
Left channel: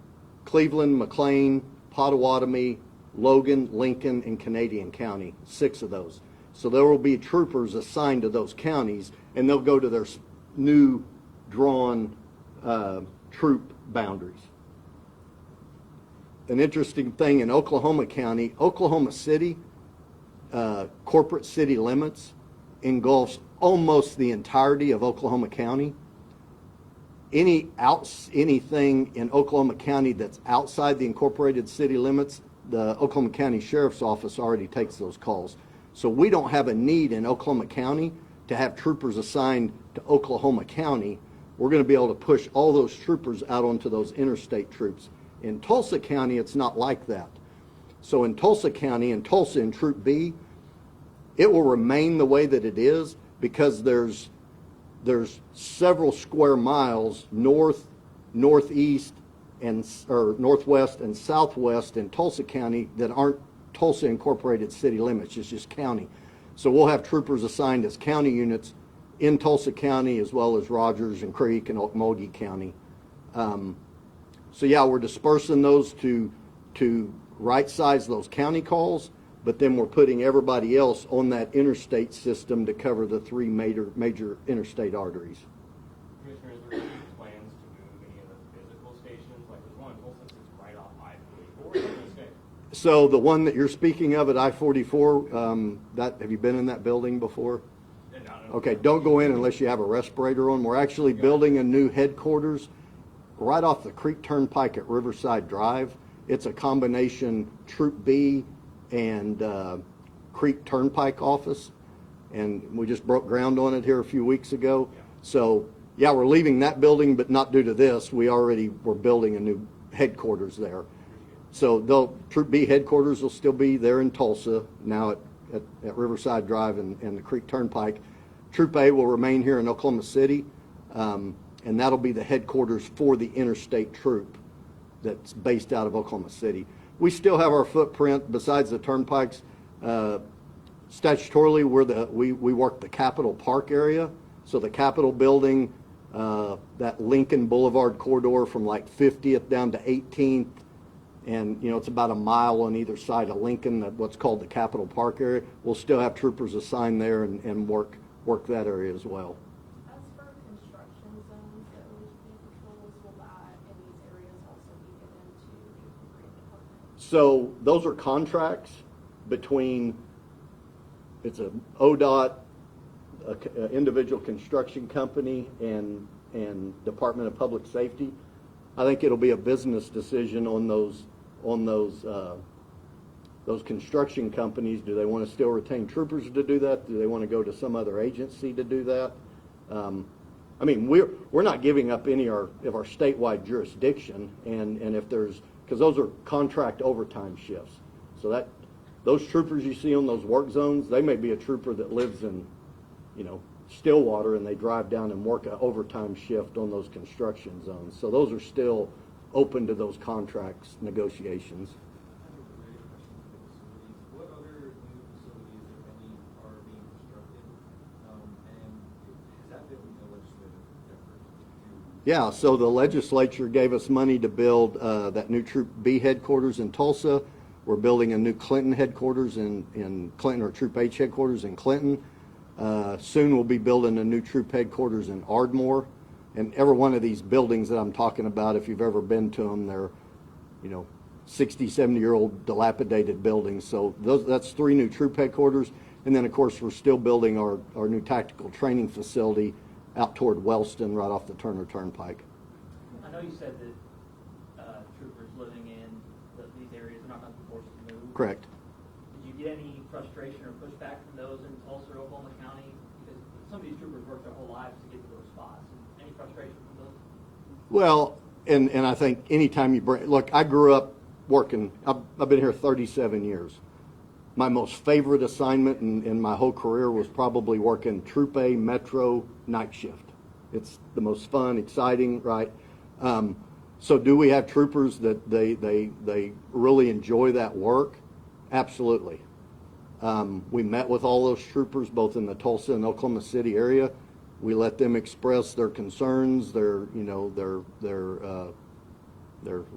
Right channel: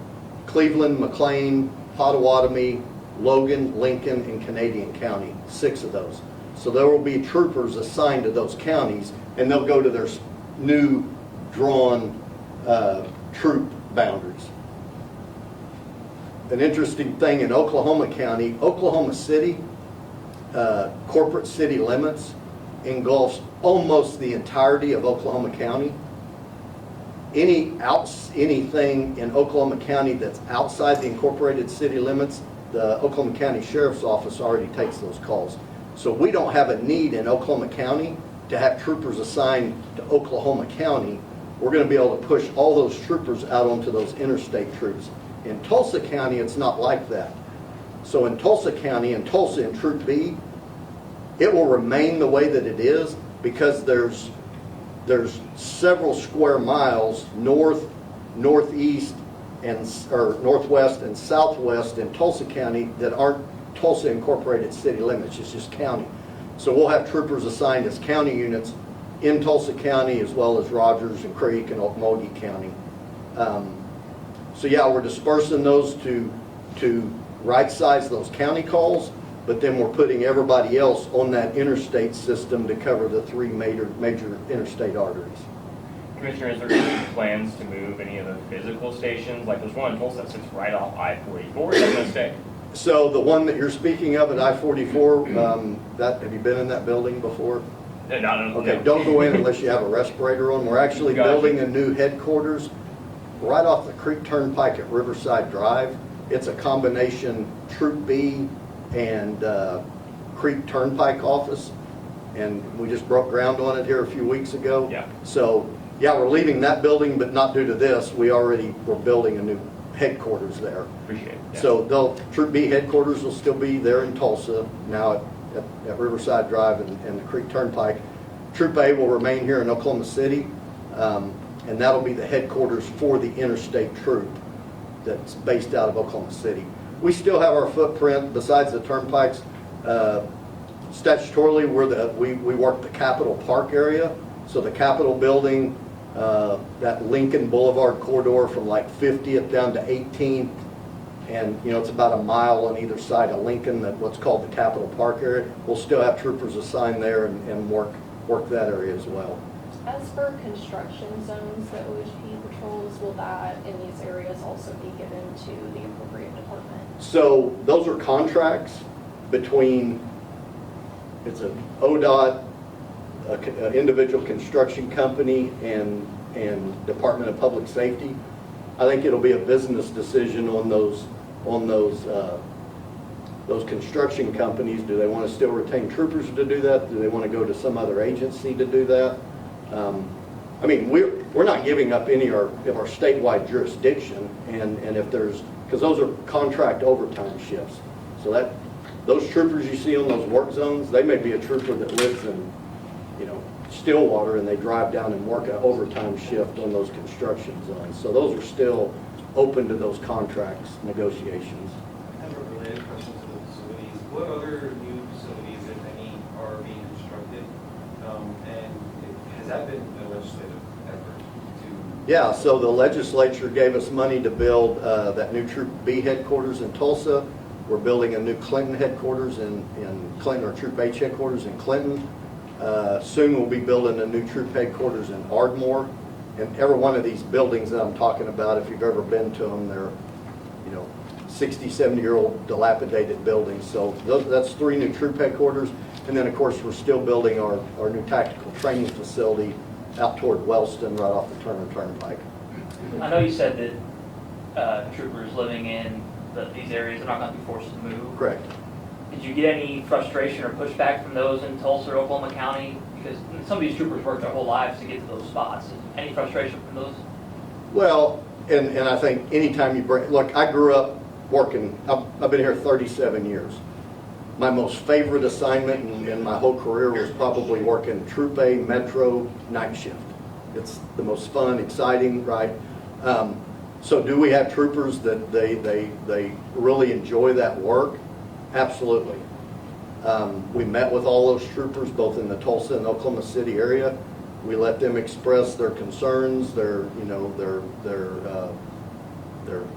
Cleveland, McLean, Potawatomi, Logan, Lincoln, and Canadian County, 6 of those. So there will be troopers assigned to those counties, and they'll go to their new drawn troop boundaries. An interesting thing in Oklahoma County, Oklahoma City, corporate city limits engulfs almost the entirety of Oklahoma County. Anything in Oklahoma County that's outside the incorporated city limits, the Oklahoma County Sheriff's Office already takes those calls. So we don't have a need in Oklahoma County to have troopers assigned to Oklahoma County. We're going to be able to push all those troopers out onto those interstate troops. In Tulsa County, it's not like that. So in Tulsa County, in Tulsa in Troop B, it will remain the way that it is because there's several square miles north, northeast, or northwest and southwest in Tulsa County that aren't Tulsa incorporated city limits. It's just county. So we'll have troopers assigned as county units in Tulsa County as well as Rogers and Creek and Okmulgee County. So yeah, we're dispersing those to right size those county calls, but then we're putting everybody else on that interstate system to cover the 3 major interstate arteries. Commissioner, is there any plans to move any of the physical stations? Like there's one in Tulsa that sits right off I-44. Where's that going to stay? So the one that you're speaking of at I-44, have you been in that building before? Okay, don't go in unless you have a respirator on. We're actually building a new headquarters right off the Creek Turnpike at Riverside Drive. It's a combination Troop B and Creek Turnpike office, and we just broke ground on it here a few weeks ago. Yeah. So yeah, we're leaving that building, but not due to this. We're building a new headquarters there. Appreciate it. Yeah. So Troop B headquarters will still be there in Tulsa, now at Riverside Drive and the Creek Turnpike. Troop A will remain here in Oklahoma City, and that'll be the headquarters for the interstate troop that's based out of Oklahoma City. We still have our footprint besides the turnpikes. Statutorily, we work the Capitol Park area, so the Capitol building, that Lincoln Boulevard corridor from like 50th down to 18th, and it's about a mile on either side of Lincoln, what's called the Capitol Park area. We'll still have troopers assigned there and work that area as well. As for construction zones that OHP patrols, will that in these areas also be given to the appropriate department? So those are contracts between, it's an ODOT, an individual construction company, and Department of Public Safety. I think it'll be a business decision on those construction companies. Do they want to still retain troopers to do that? Do they want to go to some other agency to do that? I mean, we're not giving up any of our statewide jurisdiction, and if there's, because those are contract overtime shifts. So those troopers you see on those work zones, they may be a trooper that lives in, Stillwater, and they drive down and work an overtime shift on those construction zones. So those are still open to those contracts negotiations. I have a related question to the facilities. What other new facilities, if any, are being constructed? And has that been a legislative effort to? Yeah, so the legislature gave us money to build that new Troop B headquarters in Tulsa. We're building a new Clinton headquarters in Clinton, or Troop H headquarters in Clinton. Soon we'll be building a new troop headquarters in Ardmore. And every one of these buildings that I'm talking about, if you've ever been to them, they're 60, 70-year-old dilapidated buildings. So that's 3 new troop headquarters. And then, of course, we're still building our new tactical training facility out toward Wellston, right off the Turner Turnpike. I know you said that troopers living in these areas are not going to be forced to move. Correct. Did you get any frustration or pushback from those in Tulsa or Oklahoma County? Because some of these troopers work their whole lives to get to those spots. Any frustration from those? Well, and I think anytime you break, look, I grew up working, I've been here 37 years. My most favorite assignment in my whole career was probably working Troop A Metro night shift. It's the most fun, exciting, right? So do we have troopers that they really enjoy that work? Absolutely. We met with all those troopers, both in the Tulsa and Oklahoma City area. We let them express their concerns, their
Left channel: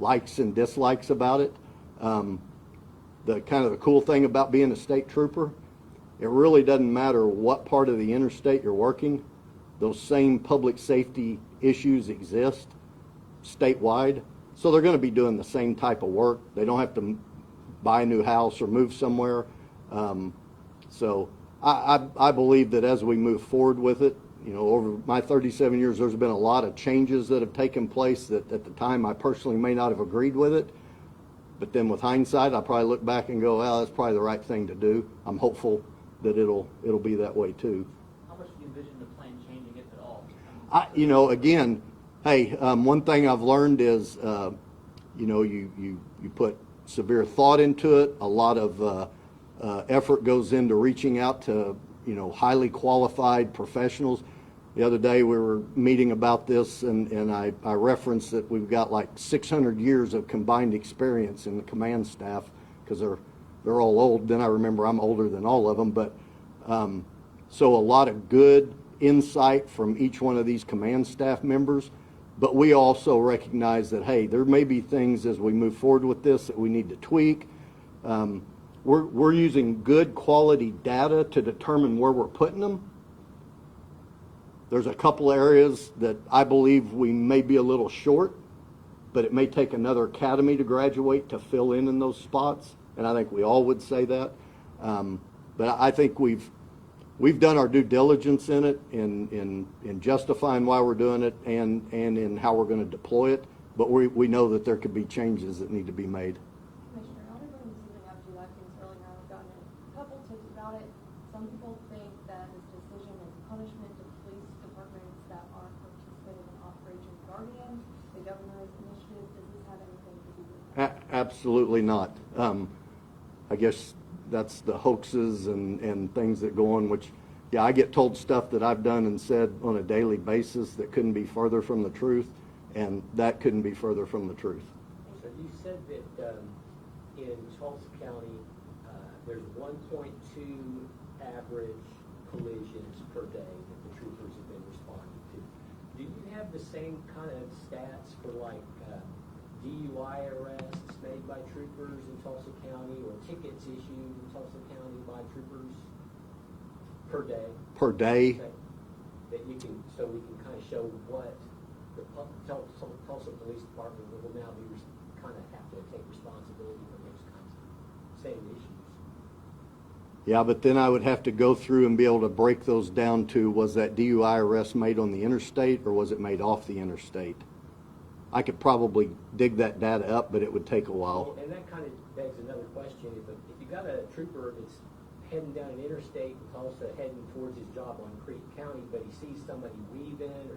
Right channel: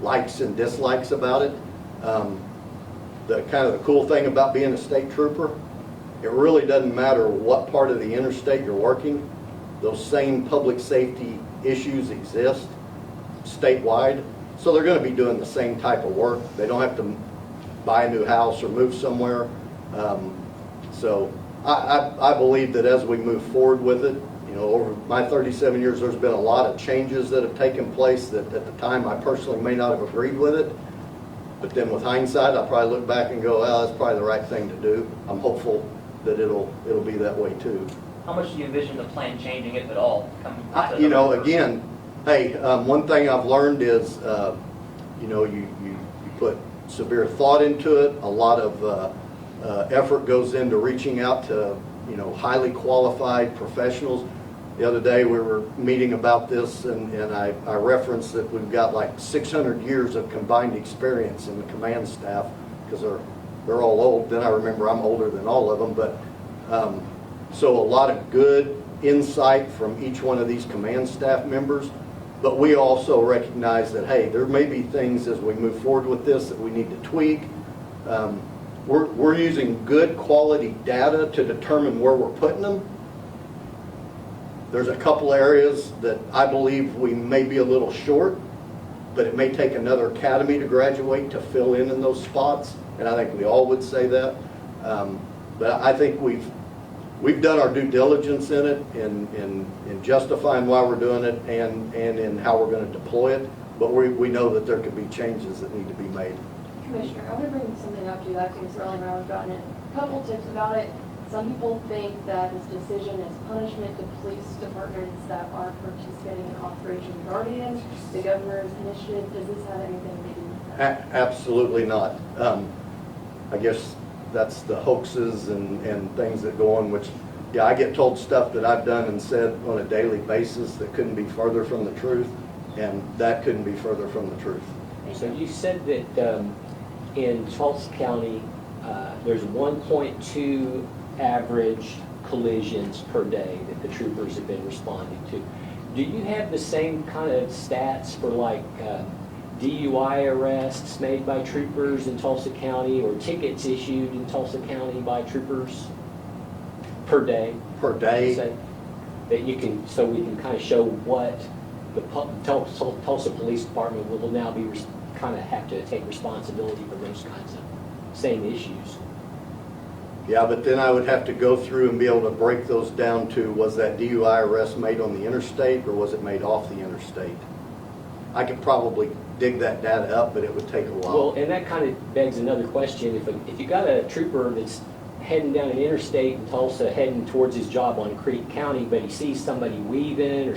likes and dislikes about it. The kind of the cool thing about being a state trooper, it really doesn't matter what part of the interstate you're working. Those same public safety issues exist statewide, so they're going to be doing the same type of work. They don't have to buy a new house or move somewhere. So I believe that as we move forward with it, over my 37 years, there's been a lot of changes that have taken place that at the time I personally may not have agreed with it. But then with hindsight, I'll probably look back and go, well, that's probably the right thing to do. I'm hopeful that it'll be that way too. How much do you envision the plan changing, if at all? Again, hey, one thing I've learned is, you put severe thought into it. A lot of effort goes into reaching out to, highly qualified professionals. The other day we were meeting about this, and I referenced that we've got like 600 years of combined experience in the command staff, because they're all old. Then I remember I'm older than all of them, but so a lot of good insight from each one of these command staff members. But we also recognize that, hey, there may be things as we move forward with this that we need to tweak. We're using good quality data to determine where we're putting them. There's a couple areas that I believe we may be a little short, but it may take another academy to graduate to fill in those spots, and I think we all would say that. But I think we've done our due diligence in it, in justifying why we're doing it, and in how we're going to deploy it. But we know that there could be changes that need to be made. Commissioner, I want to bring something up to you. I think it's really around gotten a couple tips about it. Some people think that this decision is punishment to police departments that are participating in Operation Guardian, the governor's initiative. Does this have anything to do with that? Absolutely not. I guess that's the hoaxes and things that go on, which, yeah, I get told stuff that I've done and said on a daily basis that couldn't be further from the truth, and that couldn't be further from the truth. So you said that in Tulsa County, there's 1.2 average collisions per day that the troopers have been responding to. Do you have the same kind of stats for like DUI arrests made by troopers in Tulsa County or tickets issued in Tulsa County by troopers per day? Per day? Say, that you can, so we can kind of show what the Tulsa Police Department will now be kind of have to take responsibility for those kinds of same issues. Yeah, but then I would have to go through and be able to break those down to, was that DUI arrest made on the interstate or was it made off the interstate? I could probably dig that data up, but it would take a while. Well, and that kind of begs another question. If you got a trooper that's heading down an interstate in Tulsa, heading towards his job on Creek County, but he sees somebody weaving or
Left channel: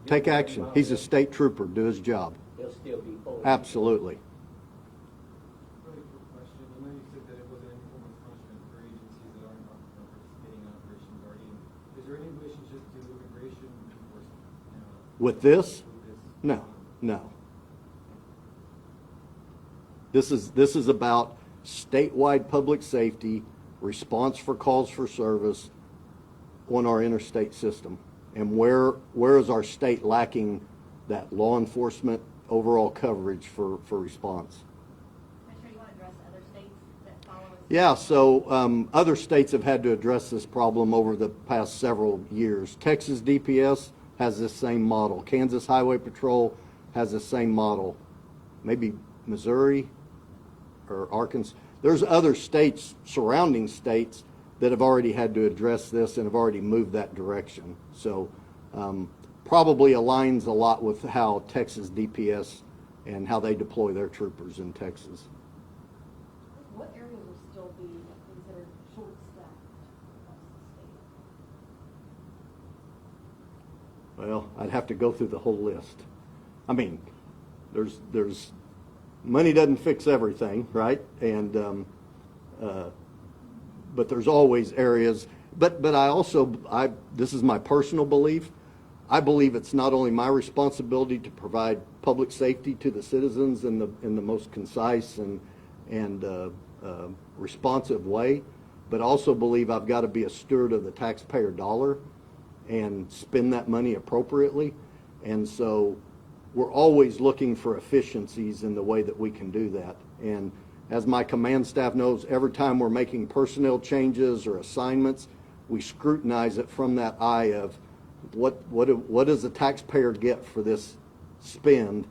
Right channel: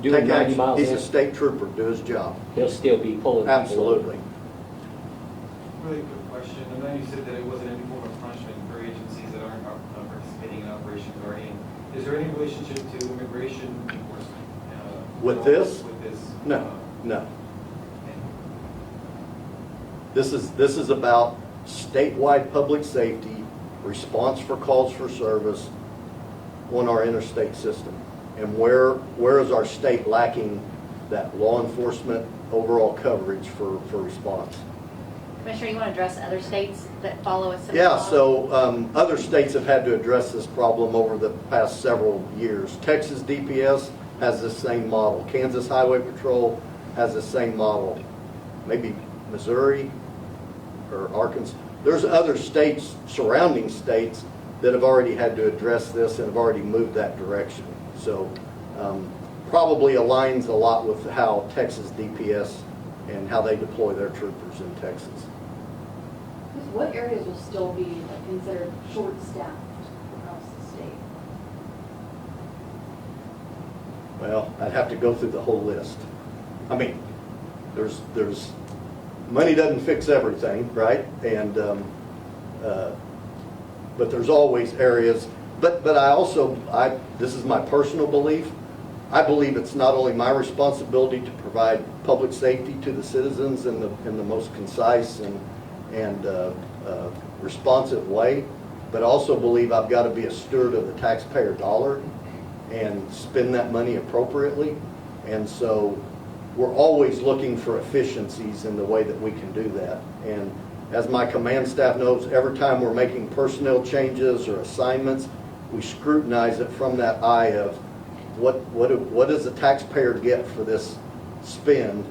doing Take 90 action. miles He's an a hour, state trooper, do his job. he'll still be pulling people over. Absolutely. Really quick question. I know you said that it wasn't any form of punishment for agencies that aren't participating in Operation Guardian. Is there any relationship to immigration enforcement? With this? With this? No, no. This is about statewide public safety, response for calls for service on our interstate system. And where is our state lacking that law enforcement overall coverage for response? Commissioner, you want to address other states that follow us? Yeah, so other states have had to address this problem over the past several years. Texas DPS has this same model. Kansas Highway Patrol has the same model. Maybe Missouri or Arkansas. There's other states, surrounding states, that have already had to address this and have already moved that direction. So probably aligns a lot with how Texas DPS and how they deploy their troopers in Texas. What areas will still be considered short-staffed across the state? Well, I'd have to go through the whole list. I mean, there's money doesn't fix everything, right? And but there's always areas. But this is my personal belief. I believe it's not only my responsibility to provide public safety to the citizens in the most concise and responsive way, but also believe I've got to be a steward of the taxpayer dollar and spend that money appropriately. And so we're always looking for efficiencies in the way that we can do that. And as my command staff knows, every time we're making personnel changes or assignments, we scrutinize it from that eye of what does the taxpayer get for this spend,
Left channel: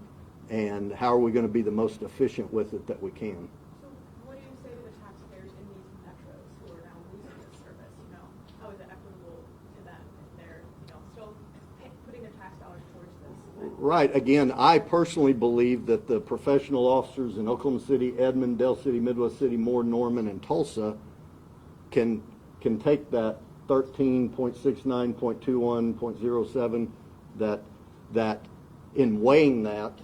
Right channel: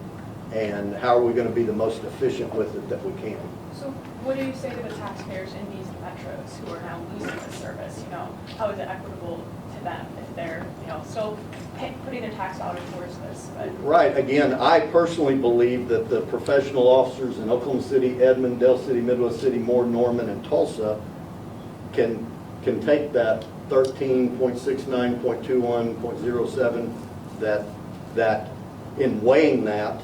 and how are we going to be the most efficient with it that we can. So what do you say to the taxpayers in these metros who are now losing this service? You know, how is it equitable to them if they're, still putting their tax dollars towards this? But Right. Again, I personally believe that the professional officers in Oklahoma City, Edmond, Dale City, Midwest City, Moore, Norman, and Tulsa can take that 13.69.21.07 that in weighing that,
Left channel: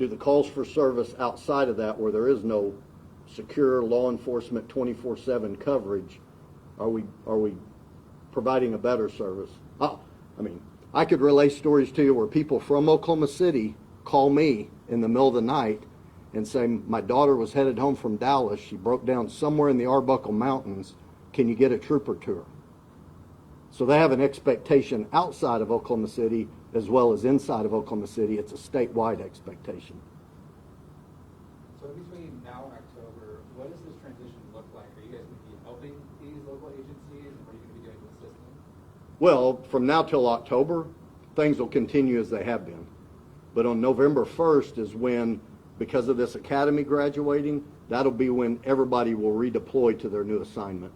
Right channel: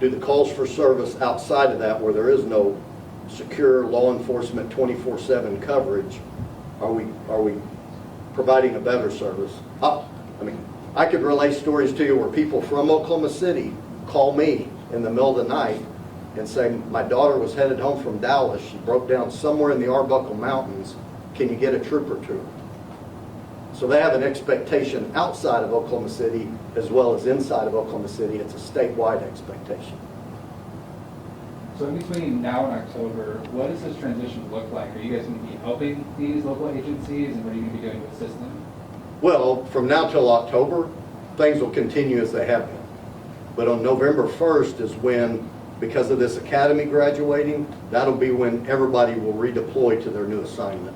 do the calls for service outside of that where there is no secure law enforcement 24/7 coverage. Are we providing a better service? I could relate stories to you where people from Oklahoma City call me in the middle of the night and saying, my daughter was headed home from Dallas, she broke down somewhere in the Arbuckle Mountains, can you get a trooper to her? So they have an expectation outside of Oklahoma City as well as inside of Oklahoma City. It's a statewide expectation. So in between now and October, what does this transition look like? Are you guys going to be helping these local agencies, and what are you going to be doing to assist them? Well, from now till October, things will continue as they have been. But on November 1st is when, because of this academy graduating, that'll be when everybody will redeploy to their new assignment.